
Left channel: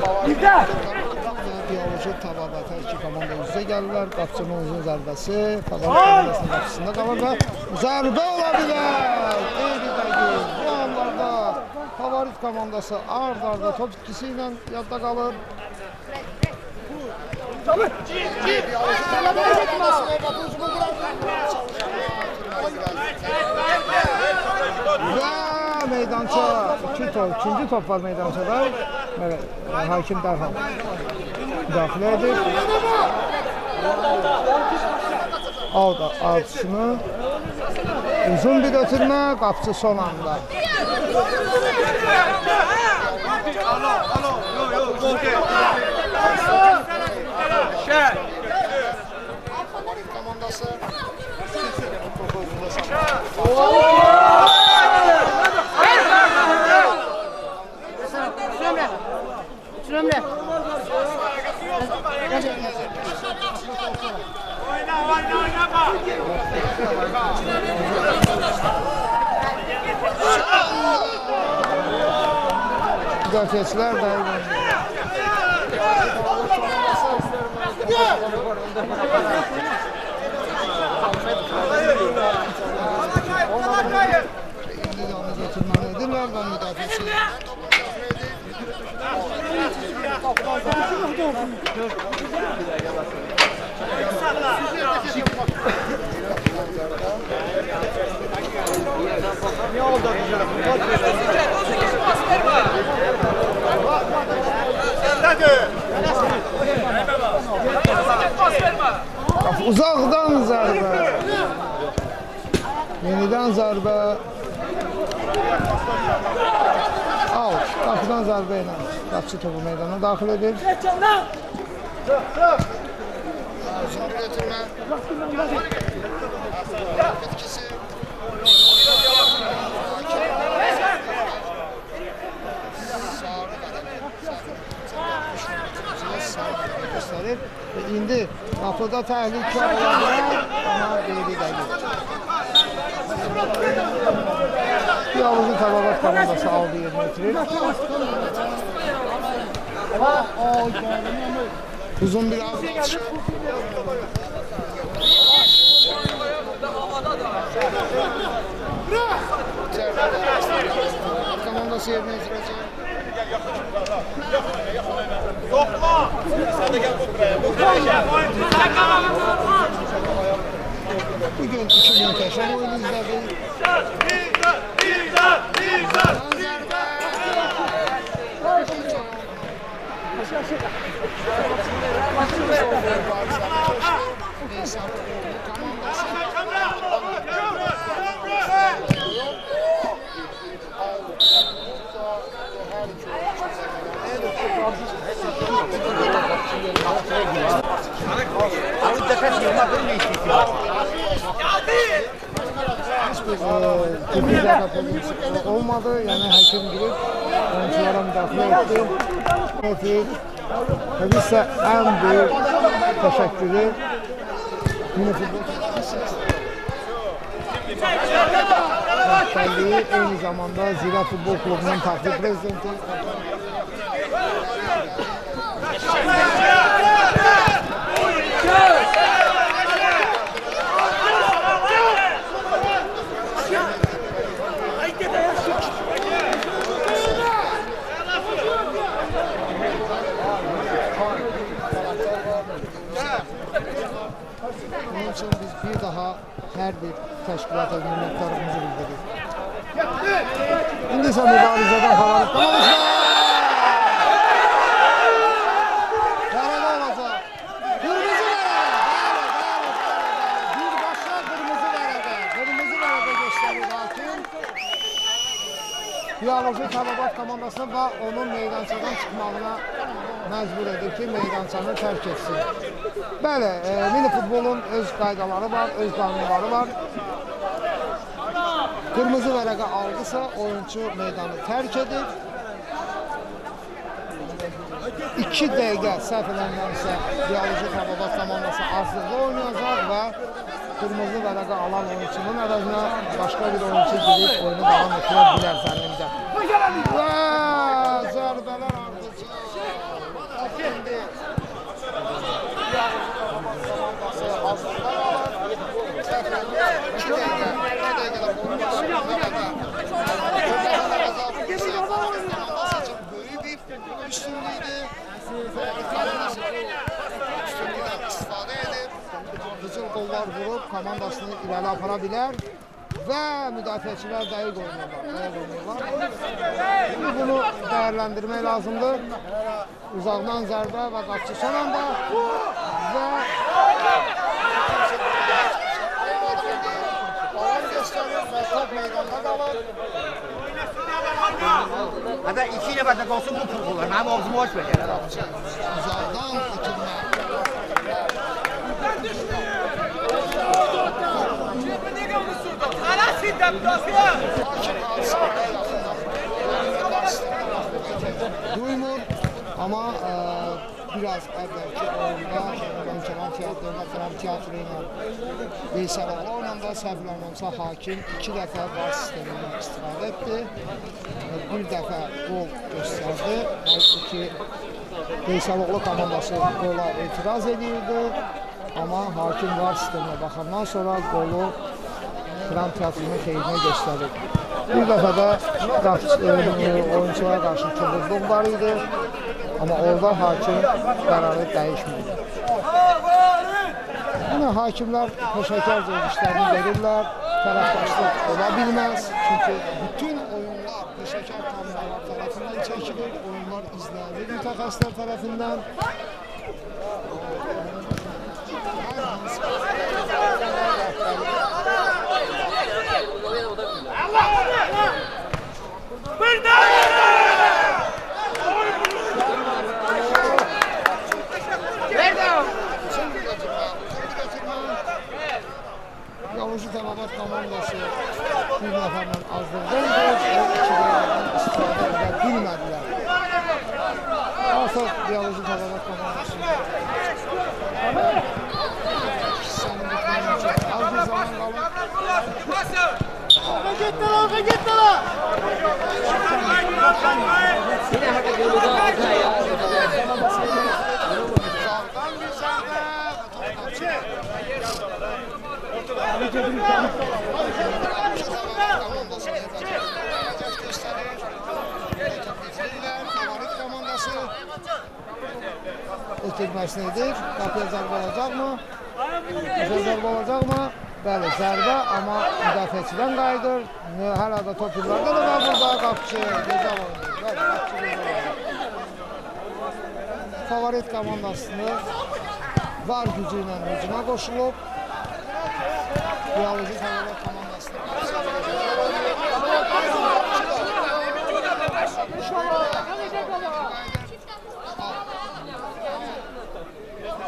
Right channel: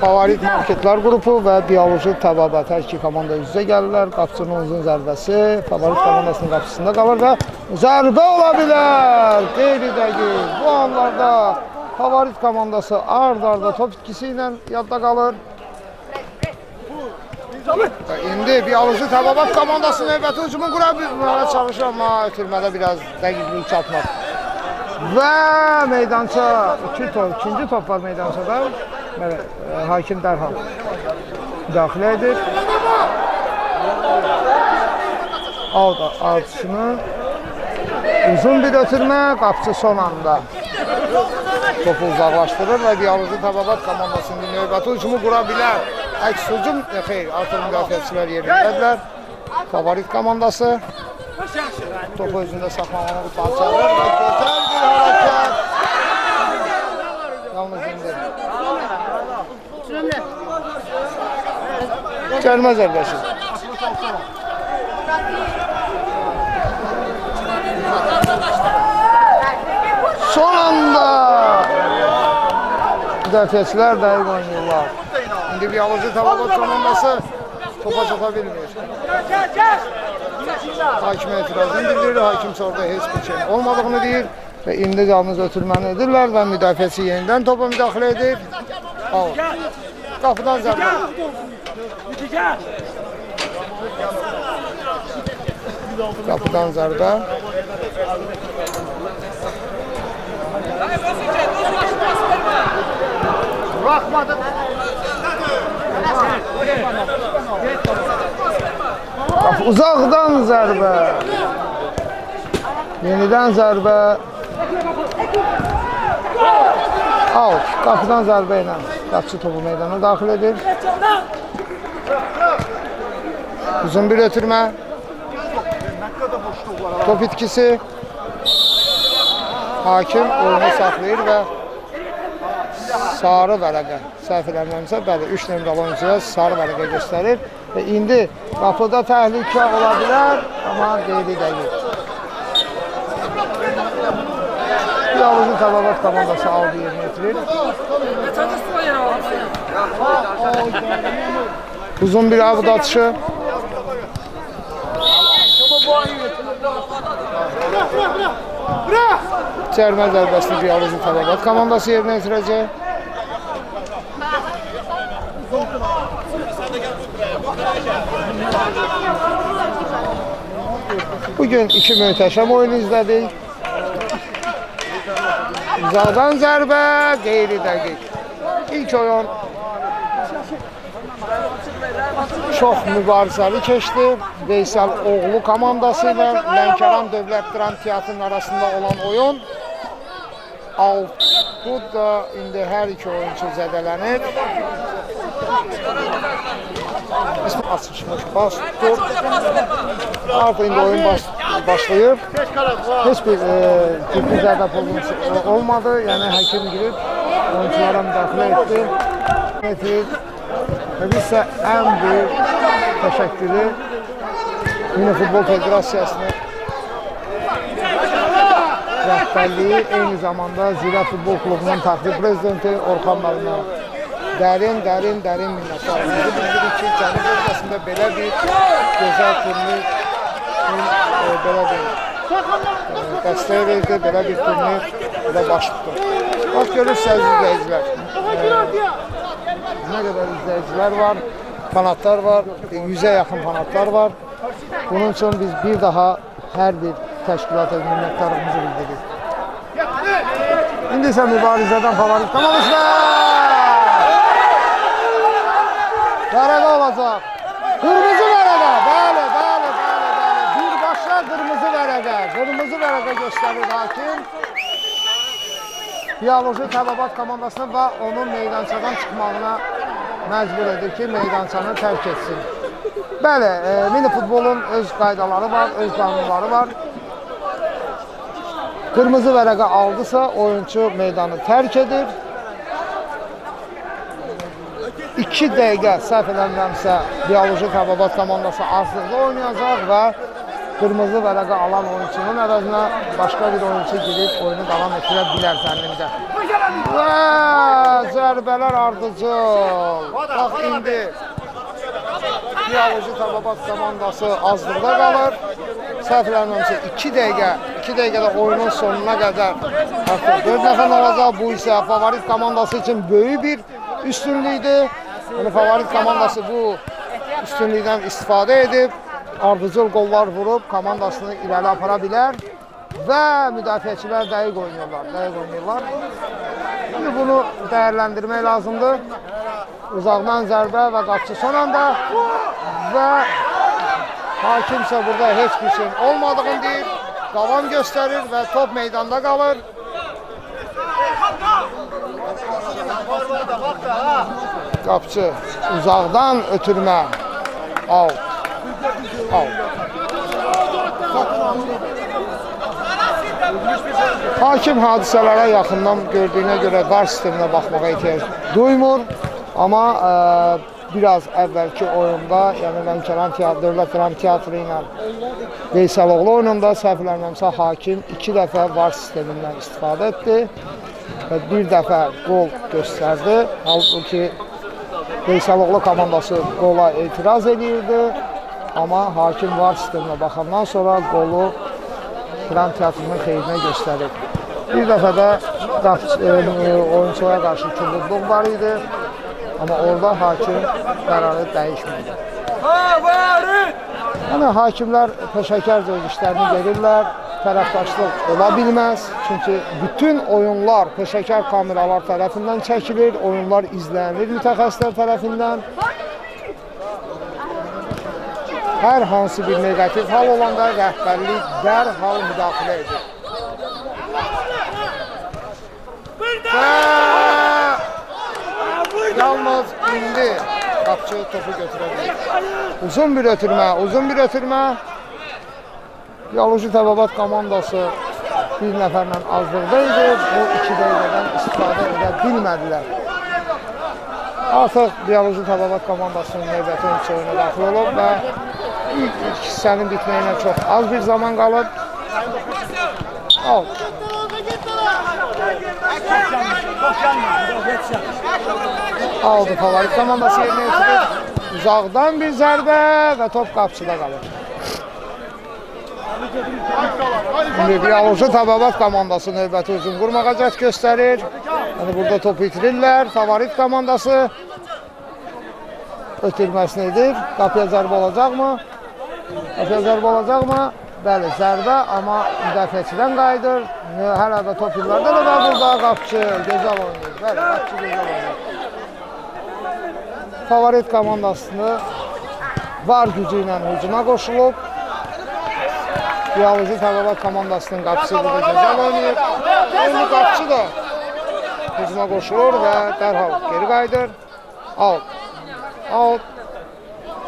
favorit marketlər qrupu və Biyalıcı Təbabat hər iki komanda üz-üzə gəlirlər. Qapçının uzun zərbəsi favorit komandasının qapısında qalır və zərbə ola bilər. Qeyri-dəqiq bu anlarda favorit komandası ard-arda top itkisi ilə yadda qalır. İndi Biyalıcı Təbabat komandası növbəti hücumu qura bilməyə çalışır, amma ötürmədə biraz dəqiqlik çatmır. Və meydança, ikinci top var meydançada. Hakim dərhal müdaxilə edir. Out atışını Uzun bir ötürmə, qapçı son anda topu uzaqlaşdırır və Diyaloğlu Tababat komandasının növbəti ucunu qura bilər. Aksuzun xeyr, artıq müdafiəçilər yerindədirlər. Favorit komandası topu özündə saxlayır. Cərimə zərbəsi. Son anda müdafiəçilər dəqiq oynayırlar. İndi bir alıcı Tababat komandası topa çapa bilmir. Hakimə etiraz edir, hakim sonra heç bir şey olmadığını deyir və indi yalnız ötürməni edirlər və müdafiəçi yenidən topa müdaxilə edir. Qapıdan zərbə. Qapıdan zərbə. Uzaqdan zərbə. Yenidən zərbə. Out. Qapıdan zərbə ilə qapçı topu meydana daxil edir. Uzun bir ötürmə. Top itkisi. Hakim oyunu saxlayır və sarı vərəqə, səhv eləmirəmsə, bəli, 3 nömrəli oyuncuya sarı vərəqə göstərir və indi qapıda təhlükə ola bilər, amma qeyri deyil. Diyaloğlu Tababat komandası aldı yerini itirir. Uzun bir avut atışı. Cərimə zərbəsini Diyaloğlu Tababat komandası yerinə itirəcək. Bugün iki möhtəşəm oyun izlədik. Uzaqdan zərbə, qeyri dəqiq. İlk oyun çox mübarizəli keçdi. Veysel Oğlu komandası ilə Lənkəran Dövlət Dram Teatrının arasında olan oyun. Burada indi hər iki oyuncu zədələnir. İndi oyun başlayır. Heç bir ciddi zərbə olmadı. Yəni həkim girib oyunculara müdaxilə etdi. Və bizsə ən böyük təşəkkürü Mini Futbol Federasiyasına rəhbərliyi, eyni zamanda Zira Futbol Klubunun təxli prezidenti Orxan müəllimə dərin dəstək verdi, belə bir turnir ilə başladı. Bax, görürsünüz izləyicilər. İzləyicilər var, fanatlar var, 100'e yaxın fanatlar var. Bunun üçün biz bir daha hər bir təşkilata minnətdarlığımızı bildiririk. İndi isə mübarizədən favorit komandası. Vərəqə olacaq. Qırmızı vərəqə. Bəli. Birbaşa qırmızı vərəqə. Qırmızı vərəqə göstərir hakim. Diyaloğlu Tababat komandasına və onun meydançadan çıxmağına məcbur edir ki, meydançanı tərk etsin. Bəli, mini futbolun öz qaydaları var, öz qanunları var. Qırmızı vərəqə aldısa, oyuncu meydanı tərk edir. 2 dəqiqə səhv eləmirəmsə, Diyaloğlu Tababat komandası azlıqda oynayacaq və qırmızı vərəqə alan oyunçunun əvəzinə başqa bir oyuncu girib oyunu davam etdirə bilər zənnimdə. Və zərbələr ardıcıl. Bax, indi Diyaloğlu Tababat komandası azlıqda qalır. Səhv eləmirəmsə 2 dəqiqədə oyunun sonuna qədər 4 nəfər olacaq. Bu isə favorit komandası üçün böyük bir üstünlükdür. Favorit komandası bu üstünlükdən istifadə edib, ardıcıl qollar vurub komandasını irəli apara bilər və müdafiəçilər dəqiq oynayırlar. Şimdi bunu dəyərləndirmək lazımdır. Uzaqdan zərbə və qapçı son anda və hakimsə burada heç bir şey olmadığını deyir. davam göstərir və top meydanda qalır. Qapçı uzaqdan ötürmə. Al. Hakim hadisələrə yaxından gördüyünə görə VAR sisteminə baxmağa ehtiyac duymur. Amma biraz əvvəlki oyunda, yəni Dövlət Dram Teatrı ilə Veysəloğlu oyununda səhv eləmirəmsə hakim 2 dəfə VAR sistemindən istifadə etdi və 1 dəfə qol göstərdi. Halbuki Veysəloğlu komandası qola etiraz edirdi, amma hakim VAR sisteminə baxandan sonra qolu Dram Teatrının xeyrinə göstərir. Bir dəfə də oyunçulara qarşı kibirlik var idi. Amma orada hakim qərarı dəyişmədi. Yəni, hakimlər peşəkar öz işlərini verirlər, tərəfdaşlıq ola bilməz. Çünki bütün oyunlar peşəkar kameralar tərəfindən çəkilir, oyunlar izlənir mütəxəssislər tərəfindən. Hər hansı bir negativ hal olanda rəhbərlik dərhal müdaxilə edir. Yalnız indi Qapçı topu götürür. Uzun bir ötürmə. Bioloji Təbabat komandası bir nəfərlə azlıqda idi. Bu 2 dəqiqədən istifadə edə bilmədilər. Artıq Bioloji Təbabat komandasının növbəti oyununa daxil olur və ilk hissənin bitməyinə çox az bir zaman qalır. Aldı favorit komandası. Uzaqdan bir zərbə və top Qapçıda qalır. Bioloji Təbabat komandası növbəti uzun vurmağa cəhd göstərir. Burada topu itirirlər. Favorit komandası ötürməsini edir. Qapıya zərbə olacaqmı? Bəli, zərbə, amma müdafiəçidən qayıdır. Hələ də top illərdə də var burada Qapçı. Gözəl oyundur. Bəli, Qapçı gözəl oyundur. Favorit komandasını var gücü ilə hücuma qoşulub. Bioloji Təbabat komandasının Qapçı burada gözəl oyundur. Qapçı da hücuma qoşulur və dərhal geri qayıdır. Out.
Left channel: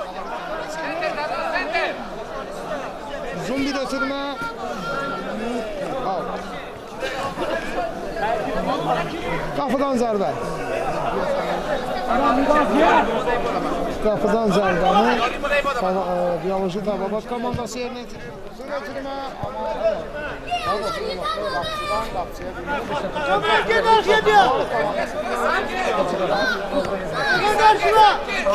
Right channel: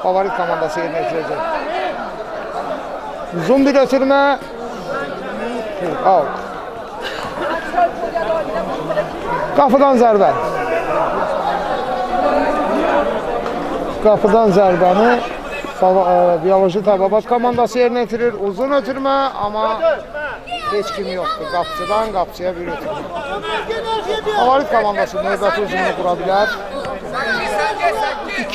Favorit komandası yerinə yetirəcək. Uzun bir ötürmə. Out. Qapıdan zərbə. Qapıdan zərbəni Bioloji Təbabat komandası yerinə yetirir. Uzun ötürmə, amma heç kim yoxdur. Qapçıdan Qapçıya bir ötürmə. Favorit komandası növbəti özünə dura bilər.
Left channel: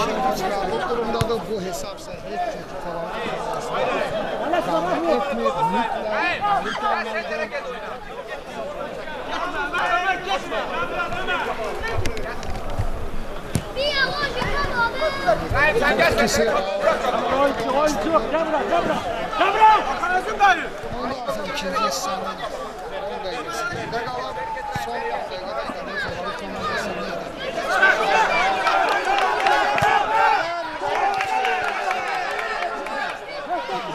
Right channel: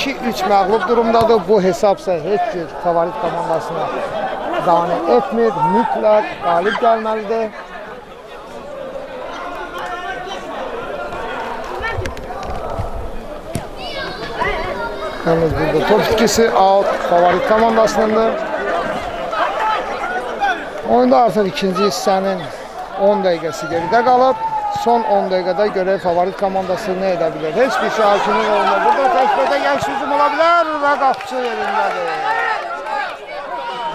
2-3 məğlub durumdadır. Bu hesabsa heç cür favorit komandasına qane etmir. Mütləq qalib gəlməlidir. Top ikisi out favorit komandasındandır. Oyunda artıq ikinci hissənin 10 dəqiqəsi geridə qalıb. Son 10 dəqiqədə görə favorit komandası nə edə bilir? Heç bir şahidinin olmadı. Burada təsbirdə gəlmiş hücum ola bilər və Qapçı yerindədir.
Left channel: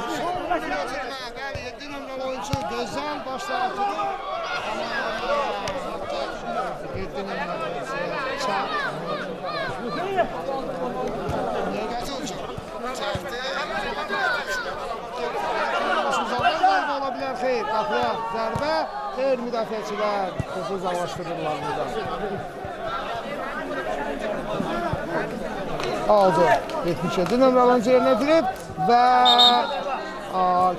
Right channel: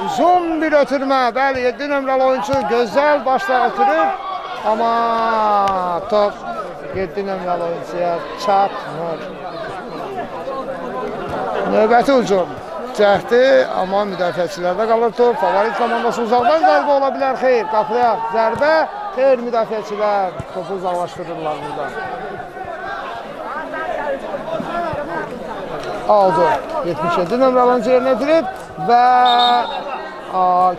Uzun bir ötürmə. Bəli, 7 nömrəli oyuncu gözəl başla ötürür. Amma top 7 nömrəli oyuncuya çatmır. Növbəti hücum cəhdi, amma müdafiəçilərdə qalır top. Favorit komandası uzaqdan zərbə ola bilər. Xeyr, qapıya zərbə. Xeyr, müdafiəçilər topu uzaqlaşdırırlar burada. Aldı. 77 nömrəli oyuncu yerinə yetirib və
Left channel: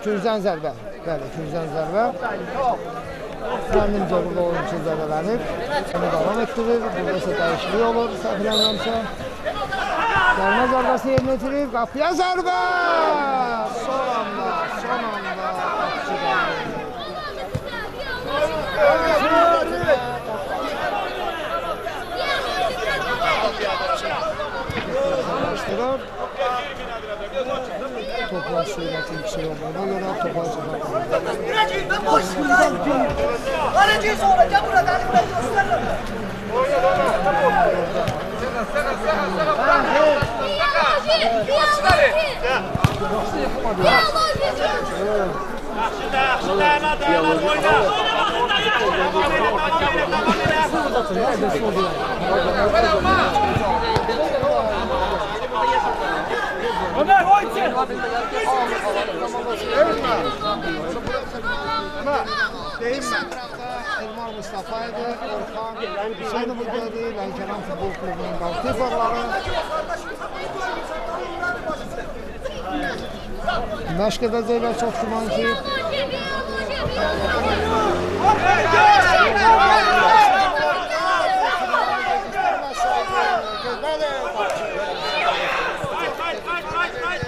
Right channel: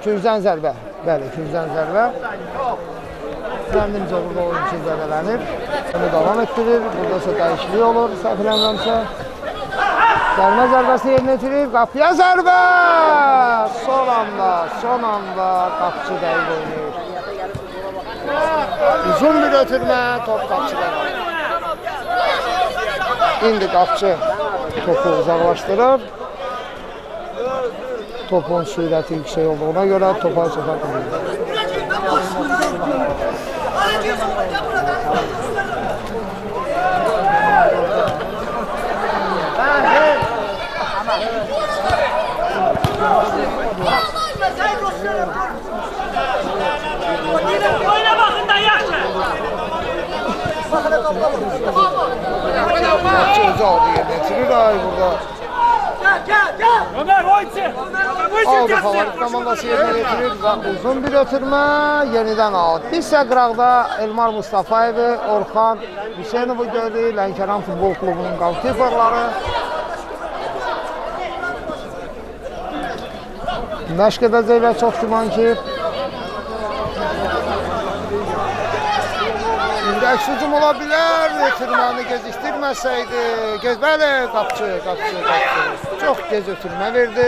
küncdən zərbə. Bəli, küncdən zərbə. Məndimcə burada oyuncu zərbələnir. Onu davam etdirir. Burada isə dəyişiklik olur, səhv eləmirəmsə. Dərmə zərbəsini yerinə yetirir. Qapıya zərbə! Son anda Qapçı dəqiq oynayır. Uzun bir ötürmə, top Qapçıda. İndi Qapçı topu uzaqlaşdırır. Topun sürəti yüksək olduğuna görə topa çata bilir. komandası uzun bir ötürmə, yenidən out. Bizsə qıraqda Elmar Mustafayev, Orxan Hüseynovu gördük, Lənkəran Futbol Klubunun qalkiperləri. Məşq edəcəklər çox güman ki. Hücum ola bilər, ötürməni gecikdirməsəydi. Bəli, qapçı. Çox gec ötürmə verdi.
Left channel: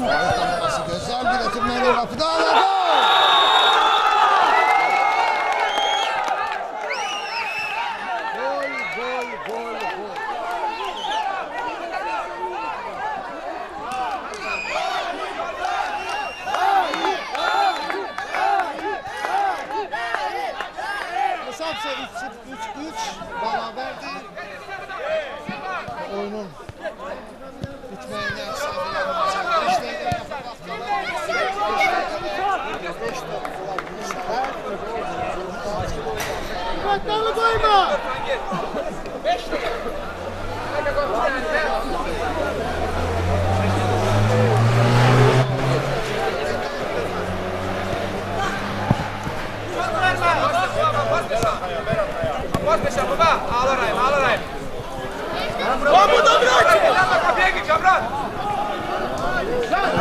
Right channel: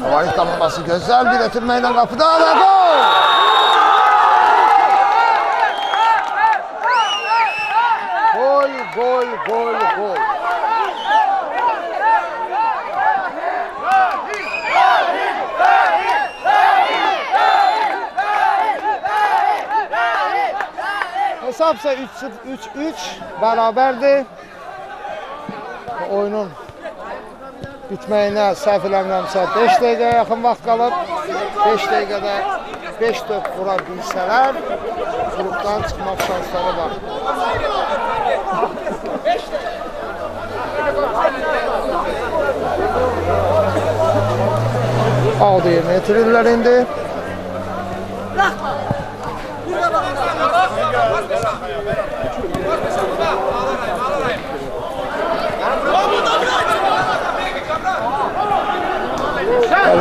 Favorit komandası gözəl bir ötürmə ilə qapıda və gol! Gol. Hesabsa 3-3 bərabərdir. Oyunun bitməyinə səhv eləmirəmsə 5 dəqiqəyə yaxın vaxt qalıb. 5 dəqiqədə 5 top vura bilsələr, grupdan çıxmaq şansları var. Aldı yerinə yetirirlər indi.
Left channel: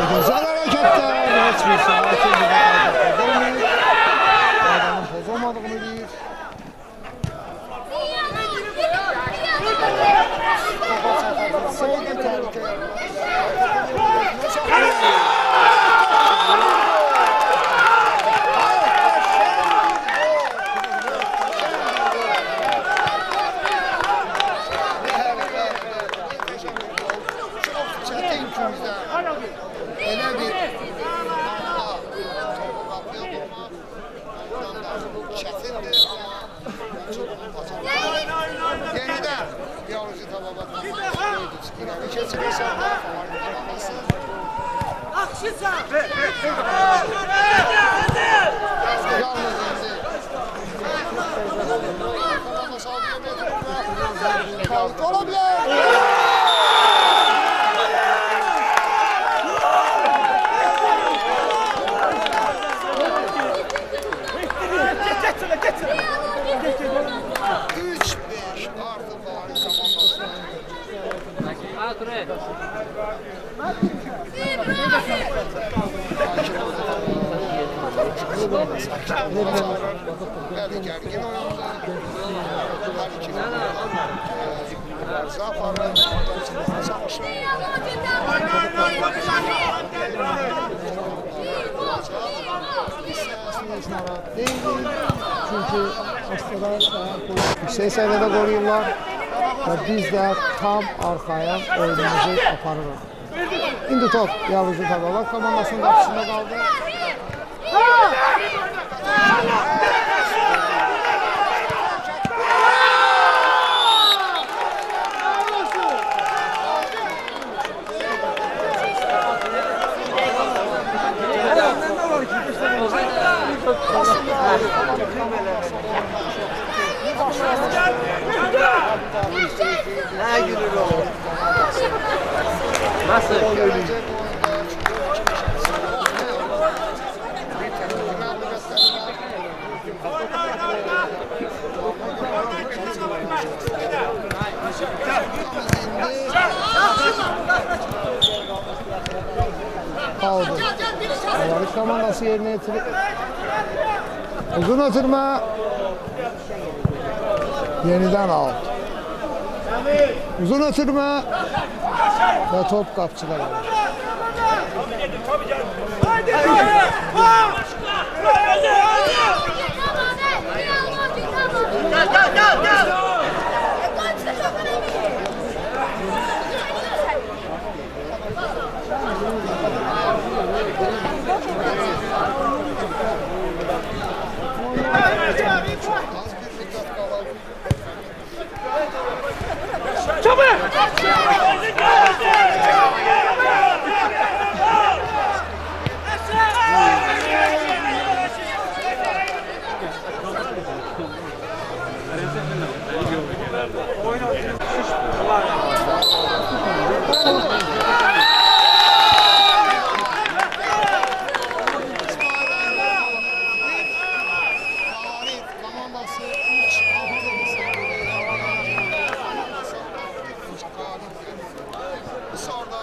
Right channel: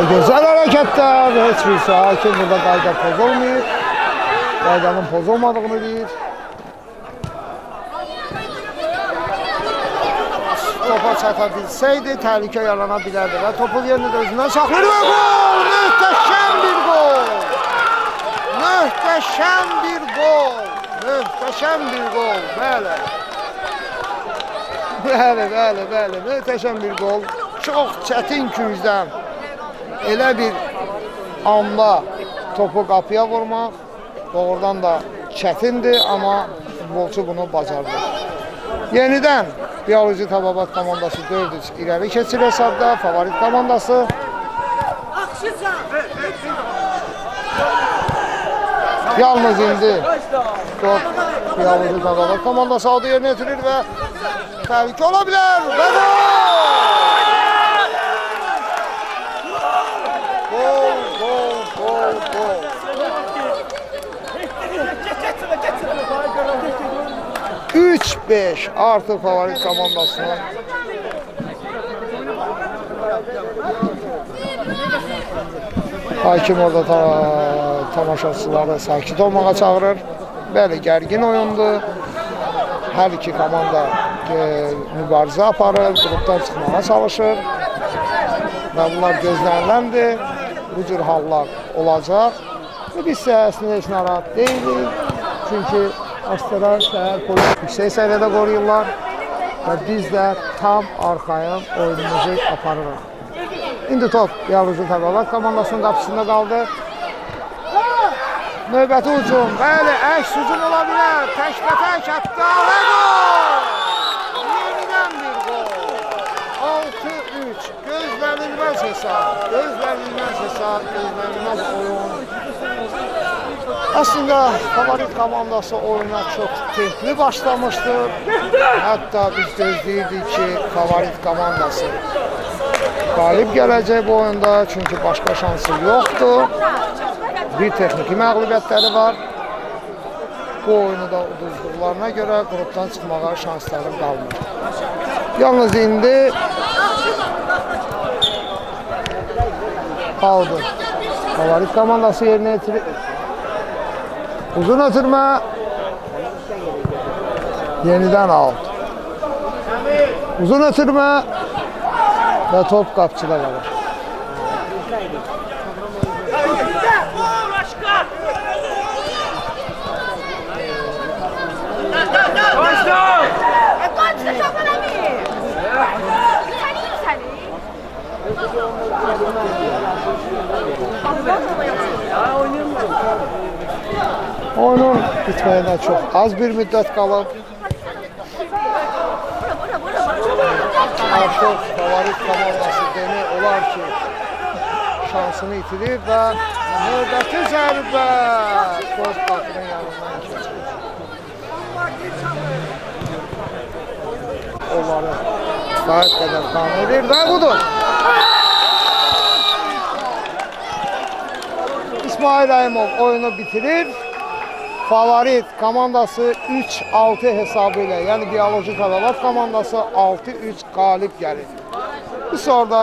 Güzel hareketler. Hiçbir hakim burada qayda pozulmayıb. Qaydanın pozulmadığını deyir. Topa çata bilsəydi təhlükə yarana bilərdi. Topu yerini gözündən saxlayır. Möhtəşəm bir gol. Bəli. Möhtəşəm bir gol. Çox çətin küncdən elə bir anda topu qapıya vurmaq doğrudan da çətindir, amma futbolçu bunu bacardı. Yenidən Bioloji Tababat komandası 4-3 irəli keçir hesabda, favorit komandası. Yalnız indi Bioloji Tababat komandası aldı yerinə yetirir və təhlükə ola bilər. 3-5 artı favorit komandasına. Hakim orada tamaşaçıları sakit olmağa çağırır. Bəli, gərgin oyundur. Hər iki komanda mübarizə aparır, grupdan çıxmağa çalışır. Bunlar gözləniləndir. Bu cür hallar olacaq. Biz səhəsində heç narahat deyilik. Çünki Astara şəhər polis yüksək səviyyədə qoruyurlar və biz də tam arxayın oyunumuzu aparırıq. İndi top Bioloji Tababat komandasının qapısında qaldı. Növbəti hücum. Bəli, əks hücum ola bilər. Tək-tək atdı. 6-3. Gözlənilməz hesab. Aslında favorit komandası oyuna çox keyifli başlamışdı. Hətta biz deyirdik ki, favorit komandası qalib gələcək bu oyunda, çünki başqa şansı yoxdur. Bir texniki məğlubiyyətləri var. Bu oyunda uduzduqlarına görə grupdan çıxmağa şansları qalmır. Yalnız indi aldı. Favorit komandası yerinə yetirir. Uzun ötürmə. Yenidən out. Uzun ötürmə. Və top qapçıda qalır. Oyunun bitməyinə çox az bir müddət qalıb. Şansını itirib və Ve budur. İsmail Rəhimov oyunu bitirir. Favorit komandası 3-6 hesabı ilə, yəni biolojik adalar komandası 6-3 qalib gəlir. Bu soruda